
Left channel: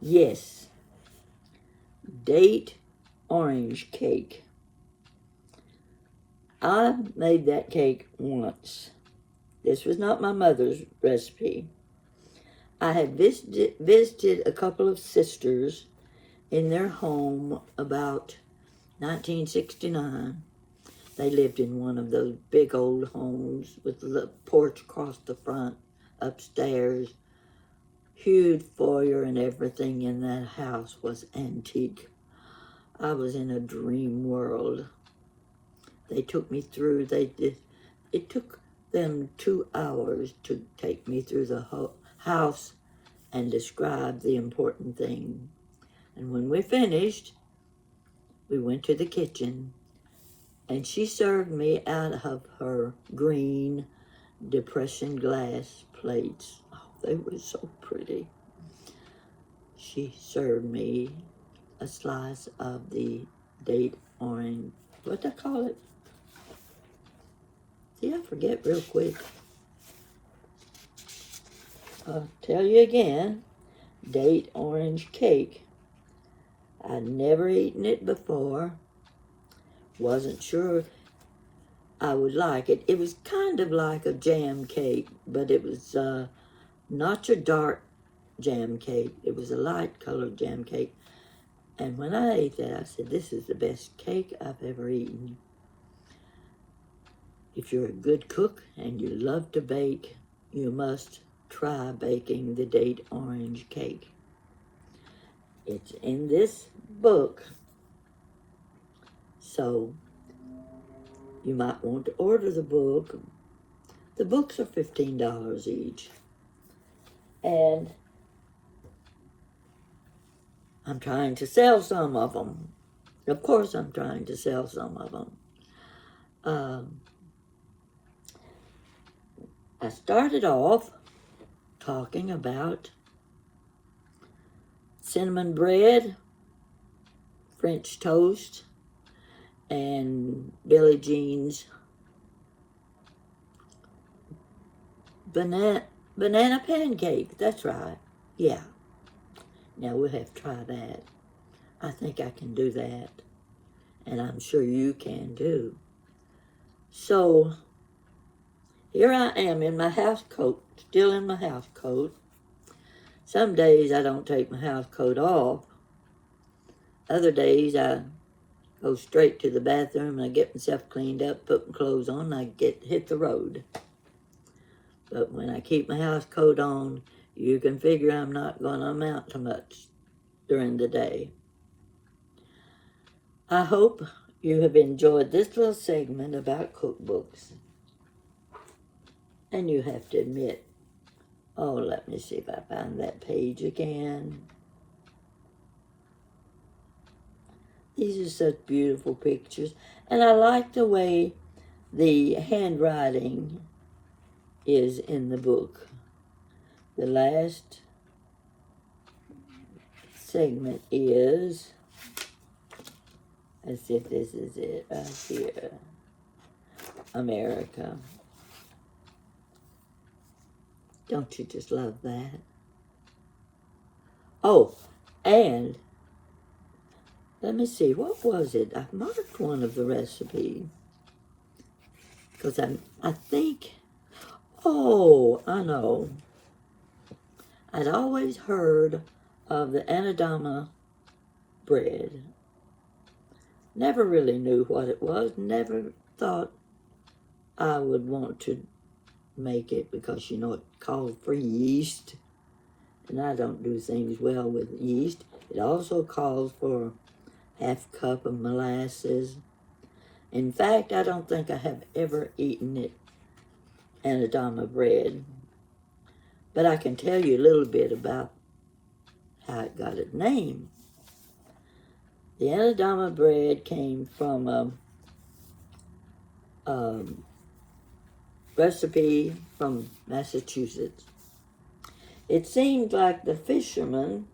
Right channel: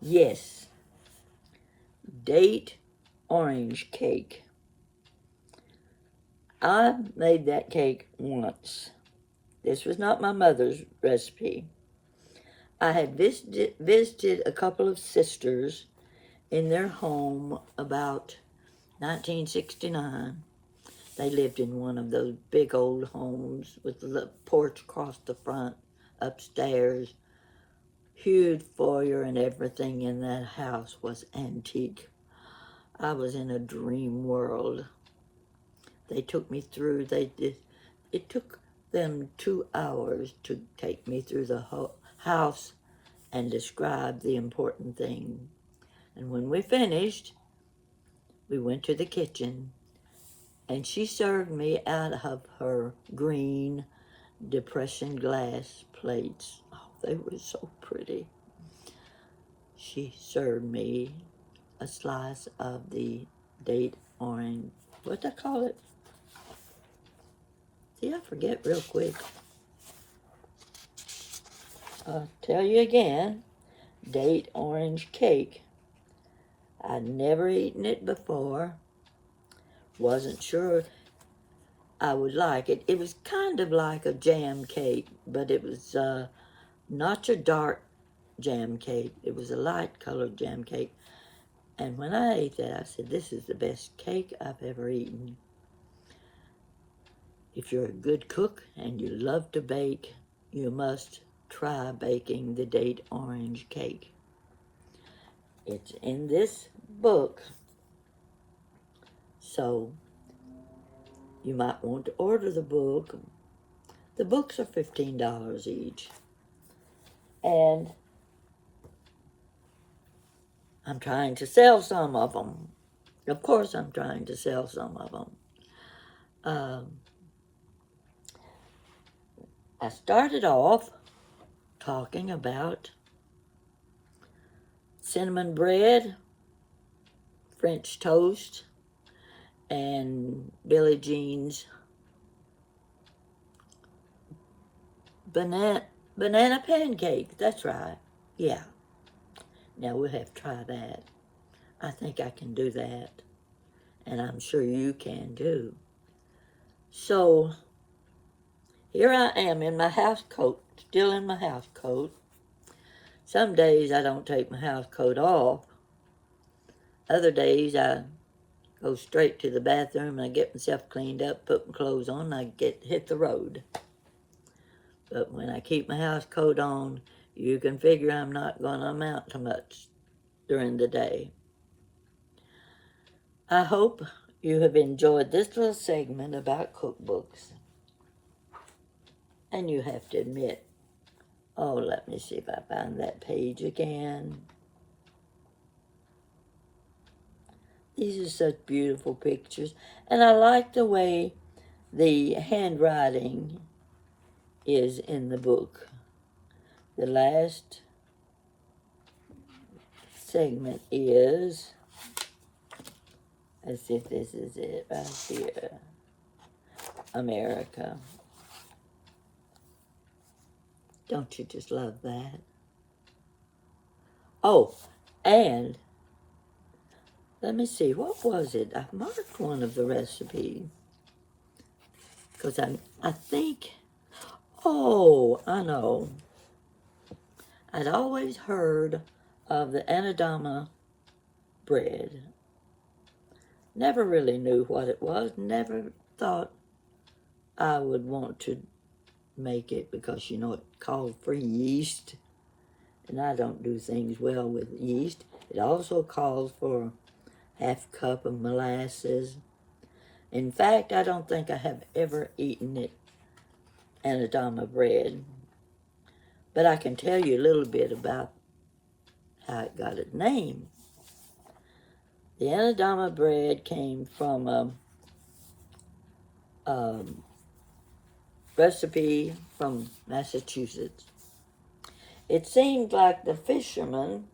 Yes. Date orange cake. I made that cake once. This was not my mother's recipe. I had visited a couple of sisters in their home about 1969. They lived in one of those big old homes with the porch across the front, upstairs. Huge foyer and everything in that house was antique. I was in a dream world. They took me through, it took them 2 hours to take me through the house and describe the important thing. And when we finished, we went to the kitchen, and she served me out of her green depression glass plates. Oh, they were so pretty. She served me a slice of the date orange, what do I call it? See, I forget real quick. I'll tell you again, date orange cake. I'd never eaten it before. Wasn't sure I would like it. It was kind of like a jam cake, but it was not your dark jam cake. It was a light colored jam cake. And when I ate that, I said, this is the best cake I've ever eaten. If you're a good cook and you love to bake, you must try baking the date orange cake. It's in this book, so you might want to order the book. The books are $15 each. And I'm trying to sell some of them. Of course I'm trying to sell some of them. I started off talking about cinnamon bread, French toast, and Billie Jean's banana pancake. That's right. Yeah. Now we'll have to try that. I think I can do that. And I'm sure you can too. So here I am in my house coat, still in my house coat. Some days I don't take my house coat off. Other days I go straight to the bathroom and I get myself cleaned up, put my clothes on, and I hit the road. But when I keep my house coat on, you can figure I'm not going to amount to much during the day. I hope you have enjoyed this little segment about cookbooks. And you have to admit, oh, let me see if I find that page again. These are such beautiful pictures. And I like the way the handwriting is in the book. The last segment is, as if this is it right here, America. Don't you just love that? Oh, and let me see, what was it? I marked one of the recipes. Because I think, oh, I know. I'd always heard of the Anadama bread. Never really knew what it was. Never thought I would want to make it because, you know, it calls for yeast. And I don't do things well with yeast. It also calls for half cup of molasses. In fact, I don't think I have ever eaten it, Anadama bread. But I can tell you a little bit about how it got its name. The Anadama bread came from a recipe from Massachusetts. It seemed like the fisherman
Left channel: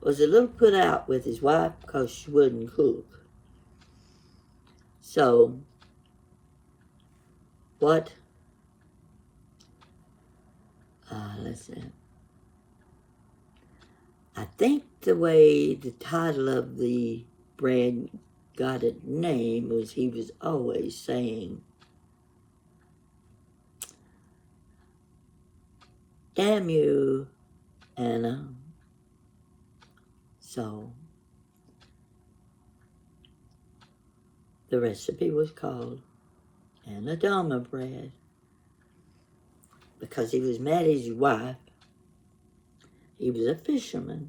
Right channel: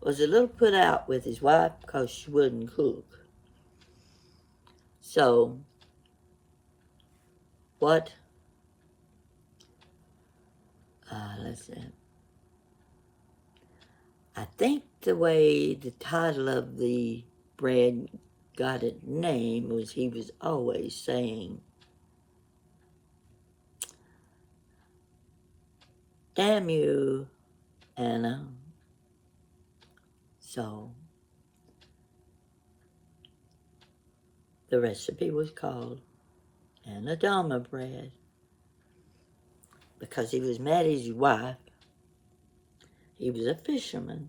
was a little put out with his wife because she wouldn't cook. So, let's see. I think the way the title of the bread got its name was he was always saying, "Damn you, Anna." So, the recipe was called Anadama bread because he was mad at his wife. He was a fisherman.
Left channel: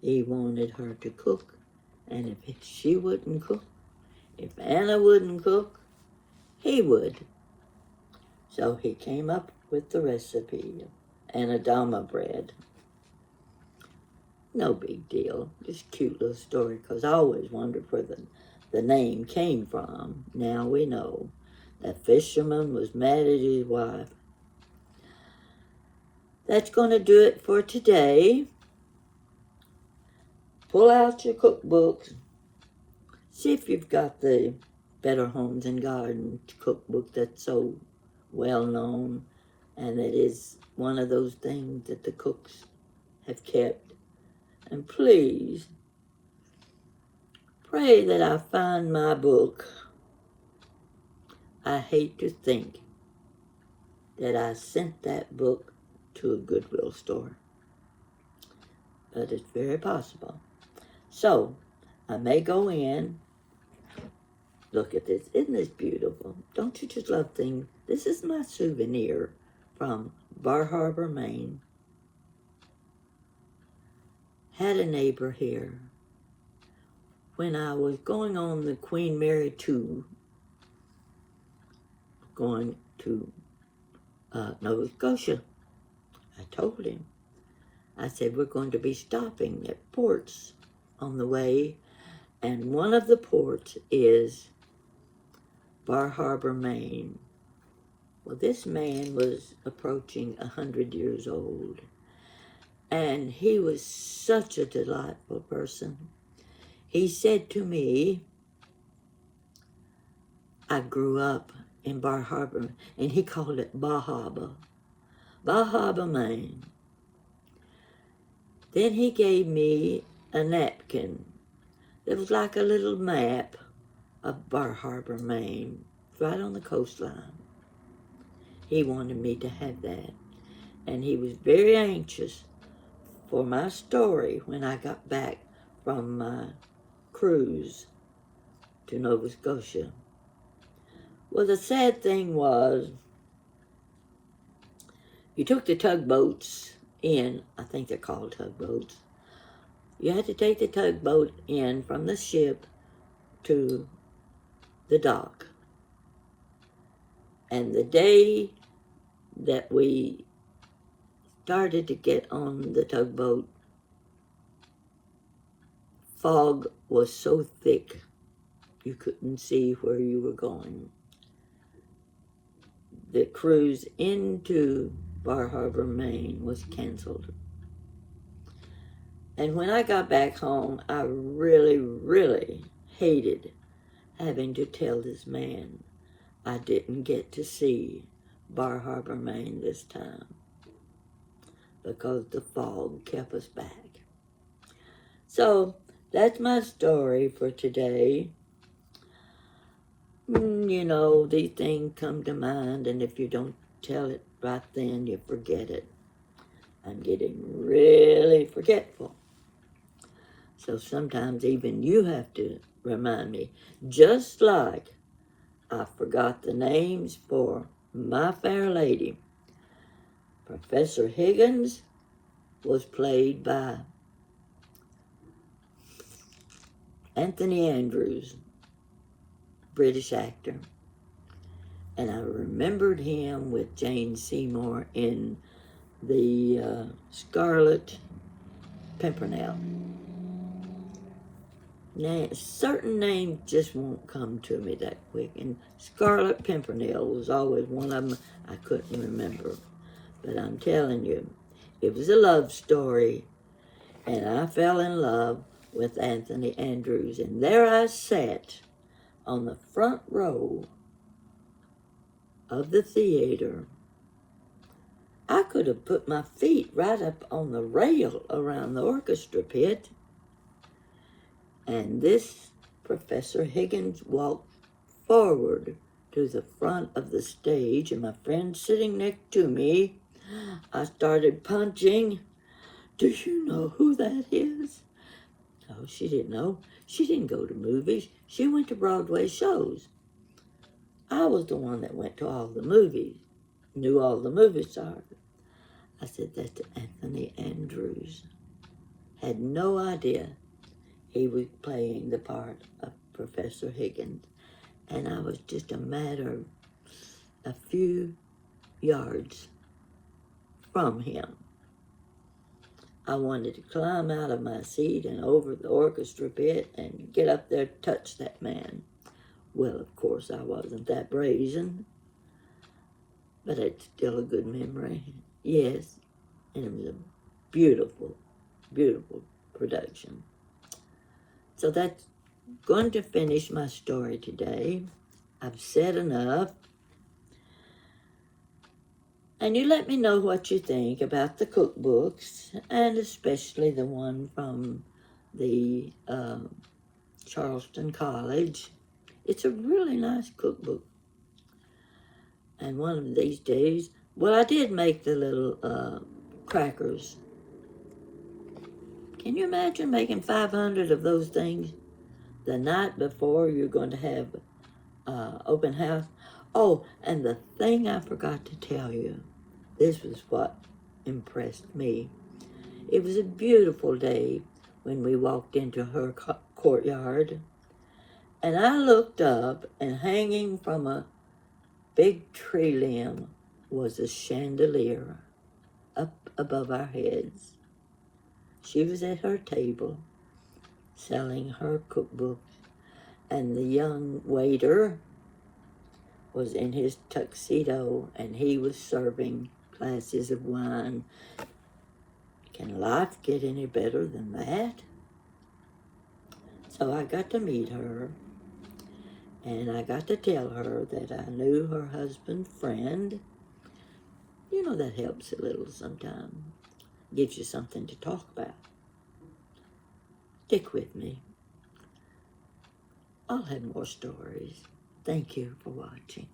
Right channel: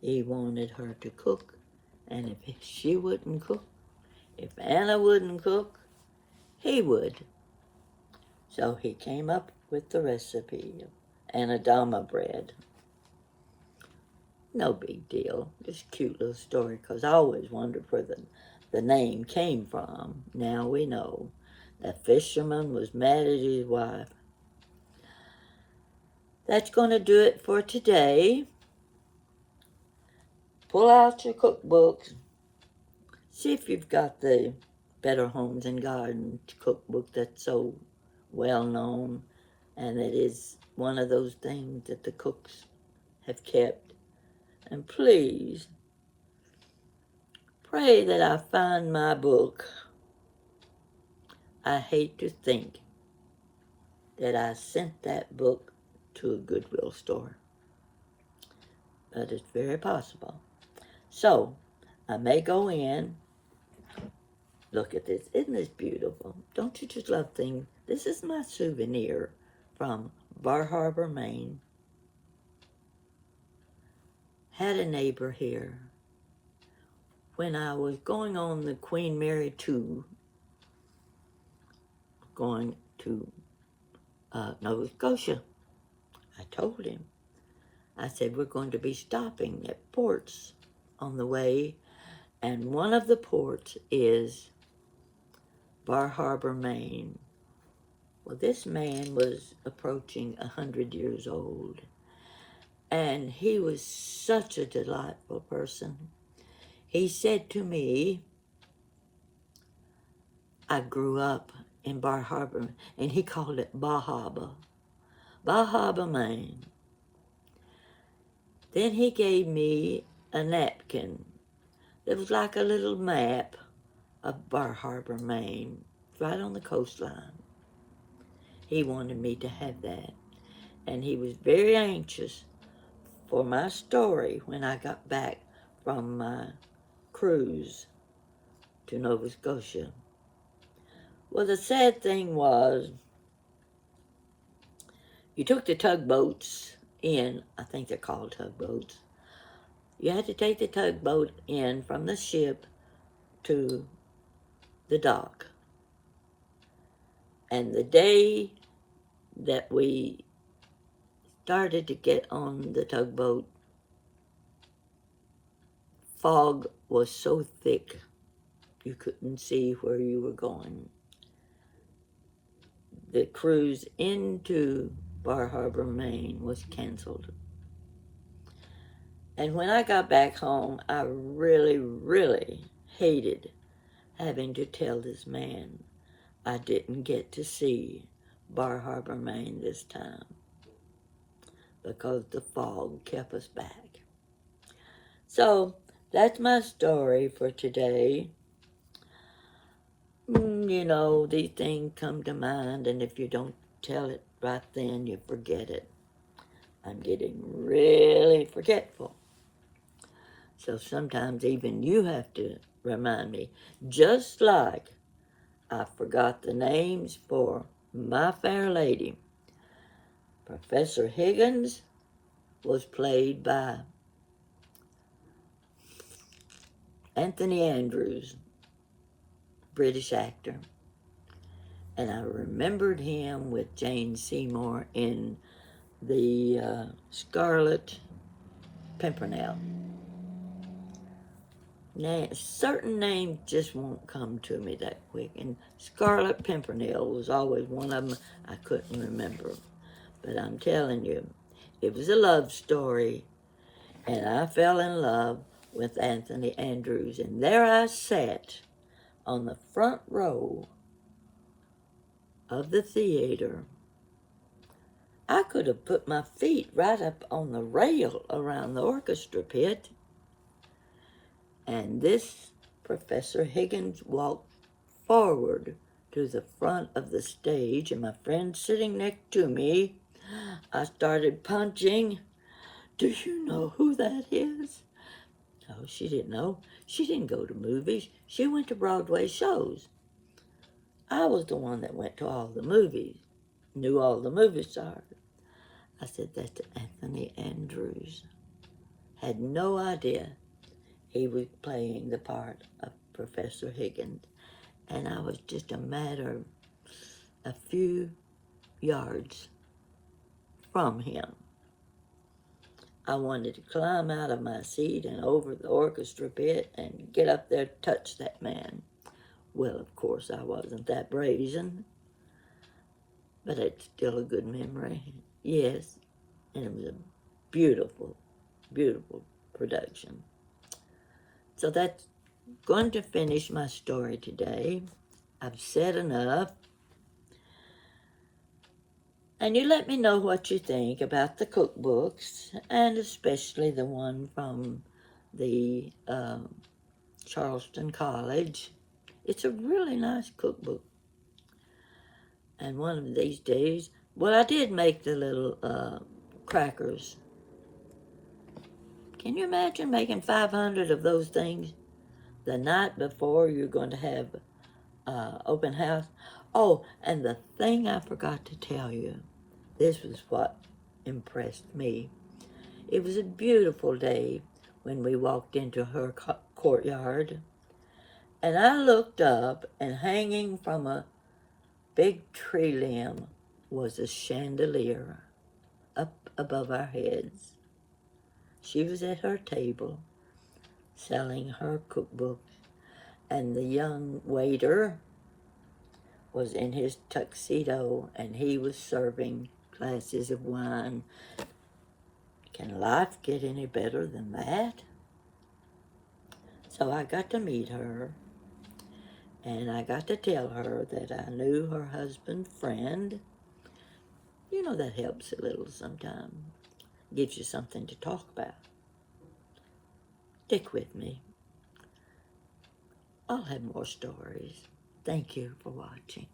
He wanted her to cook, and if she wouldn't cook, if Anna wouldn't cook, he would. So he came up with the recipe of Anadama bread. No big deal. Just a cute little story, because I always wondered where the name came from. Now we know. That fisherman was mad at his wife. That's going to do it for today. Pull out your cookbooks. See if you've got the Better Homes and Gardens cookbook that's so well known, and it is one of those things that the cooks have kept. And please, pray that I find my book. I hate to think that I sent that book to a Goodwill store, but it's very possible. So, I may go in. Look at this. Isn't this beautiful? Don't you just love things? This is my souvenir from Bar Harbor, Maine. Had a neighbor here when I was going on the Queen Mary 2, going to Nova Scotia. I told him, I said, we're going to be stopping at ports on the way, and one of the ports is Bar Harbor, Maine. Well, this man was approaching 100 years old, and he was such a delightful person. He said to me, I grew up in Bar Harbor, and he called it Bar Harbor, Maine. Then he gave me a napkin that was like a little map of Bar Harbor, Maine, right on the coastline. He wanted me to have that, and he was very anxious for my story when I got back from my cruise to Nova Scotia. Well, the sad thing was, you took the tugboats in, I think they're called tugboats. You had to take the tugboat in from the ship to the dock. And the day that we started to get on the tugboat, fog was so thick you couldn't see where you were going. The cruise into Bar Harbor, Maine was canceled. And when I got back home, I really, really hated having to tell this man I didn't get to see Bar Harbor, Maine this time because the fog kept us back. So that's my story for today. You know, these things come to mind, and if you don't tell it right then, you forget it. I'm getting really forgetful. So sometimes even you have to remind me, just like I forgot the names for My Fair Lady. Professor Higgins was played by Anthony Andrews, British actor. And I remembered him with Jane Seymour in the Scarlet Pimpernel. Now, certain names just won't come to me that quick. And Scarlet Pimpernel was always one of them I couldn't remember. But I'm telling you, it was a love story. And I fell in love with Anthony Andrews. And there I sat on the front row of the theater. I could have put my feet right up on the rail around the orchestra pit. And this Professor Higgins walked forward to the front of the stage, and my friend sitting next to me, I started punching. Do you know who that is? Oh, she didn't know. She didn't go to movies. She went to Broadway shows. I was the one that went to all the movies, knew all the movie stars. I said that to Anthony Andrews. Had no idea he was playing the part of Professor Higgins. And I was just a matter of a few yards from him. I wanted to climb out of my seat and over the orchestra pit and get up there to touch that man. Well, of course, I wasn't that brazen, but it's still a good memory. Yes, and it was a beautiful, beautiful production. So that's going to finish my story today. I've said enough. And you let me know what you think about the cookbooks, and especially the one from the Charleston College. It's a really nice cookbook. And one of these days, well, I did make the little crackers. Can you imagine making 500 of those things the night before you're going to have open house? Oh, and the thing I forgot to tell you, this was what impressed me. It was a beautiful day when we walked into her courtyard, and I looked up, and hanging from a big tree limb was a chandelier up above our heads. She was at her table selling her cookbooks, and the young waiter was in his tuxedo, and he was serving glasses of wine. Can life get any better than that? So I got to meet her, and I got to tell her that I knew her husband's friend. You know, that helps a little sometimes. Gives you something to talk about. Stick with me. I'll have more stories. Thank you for watching.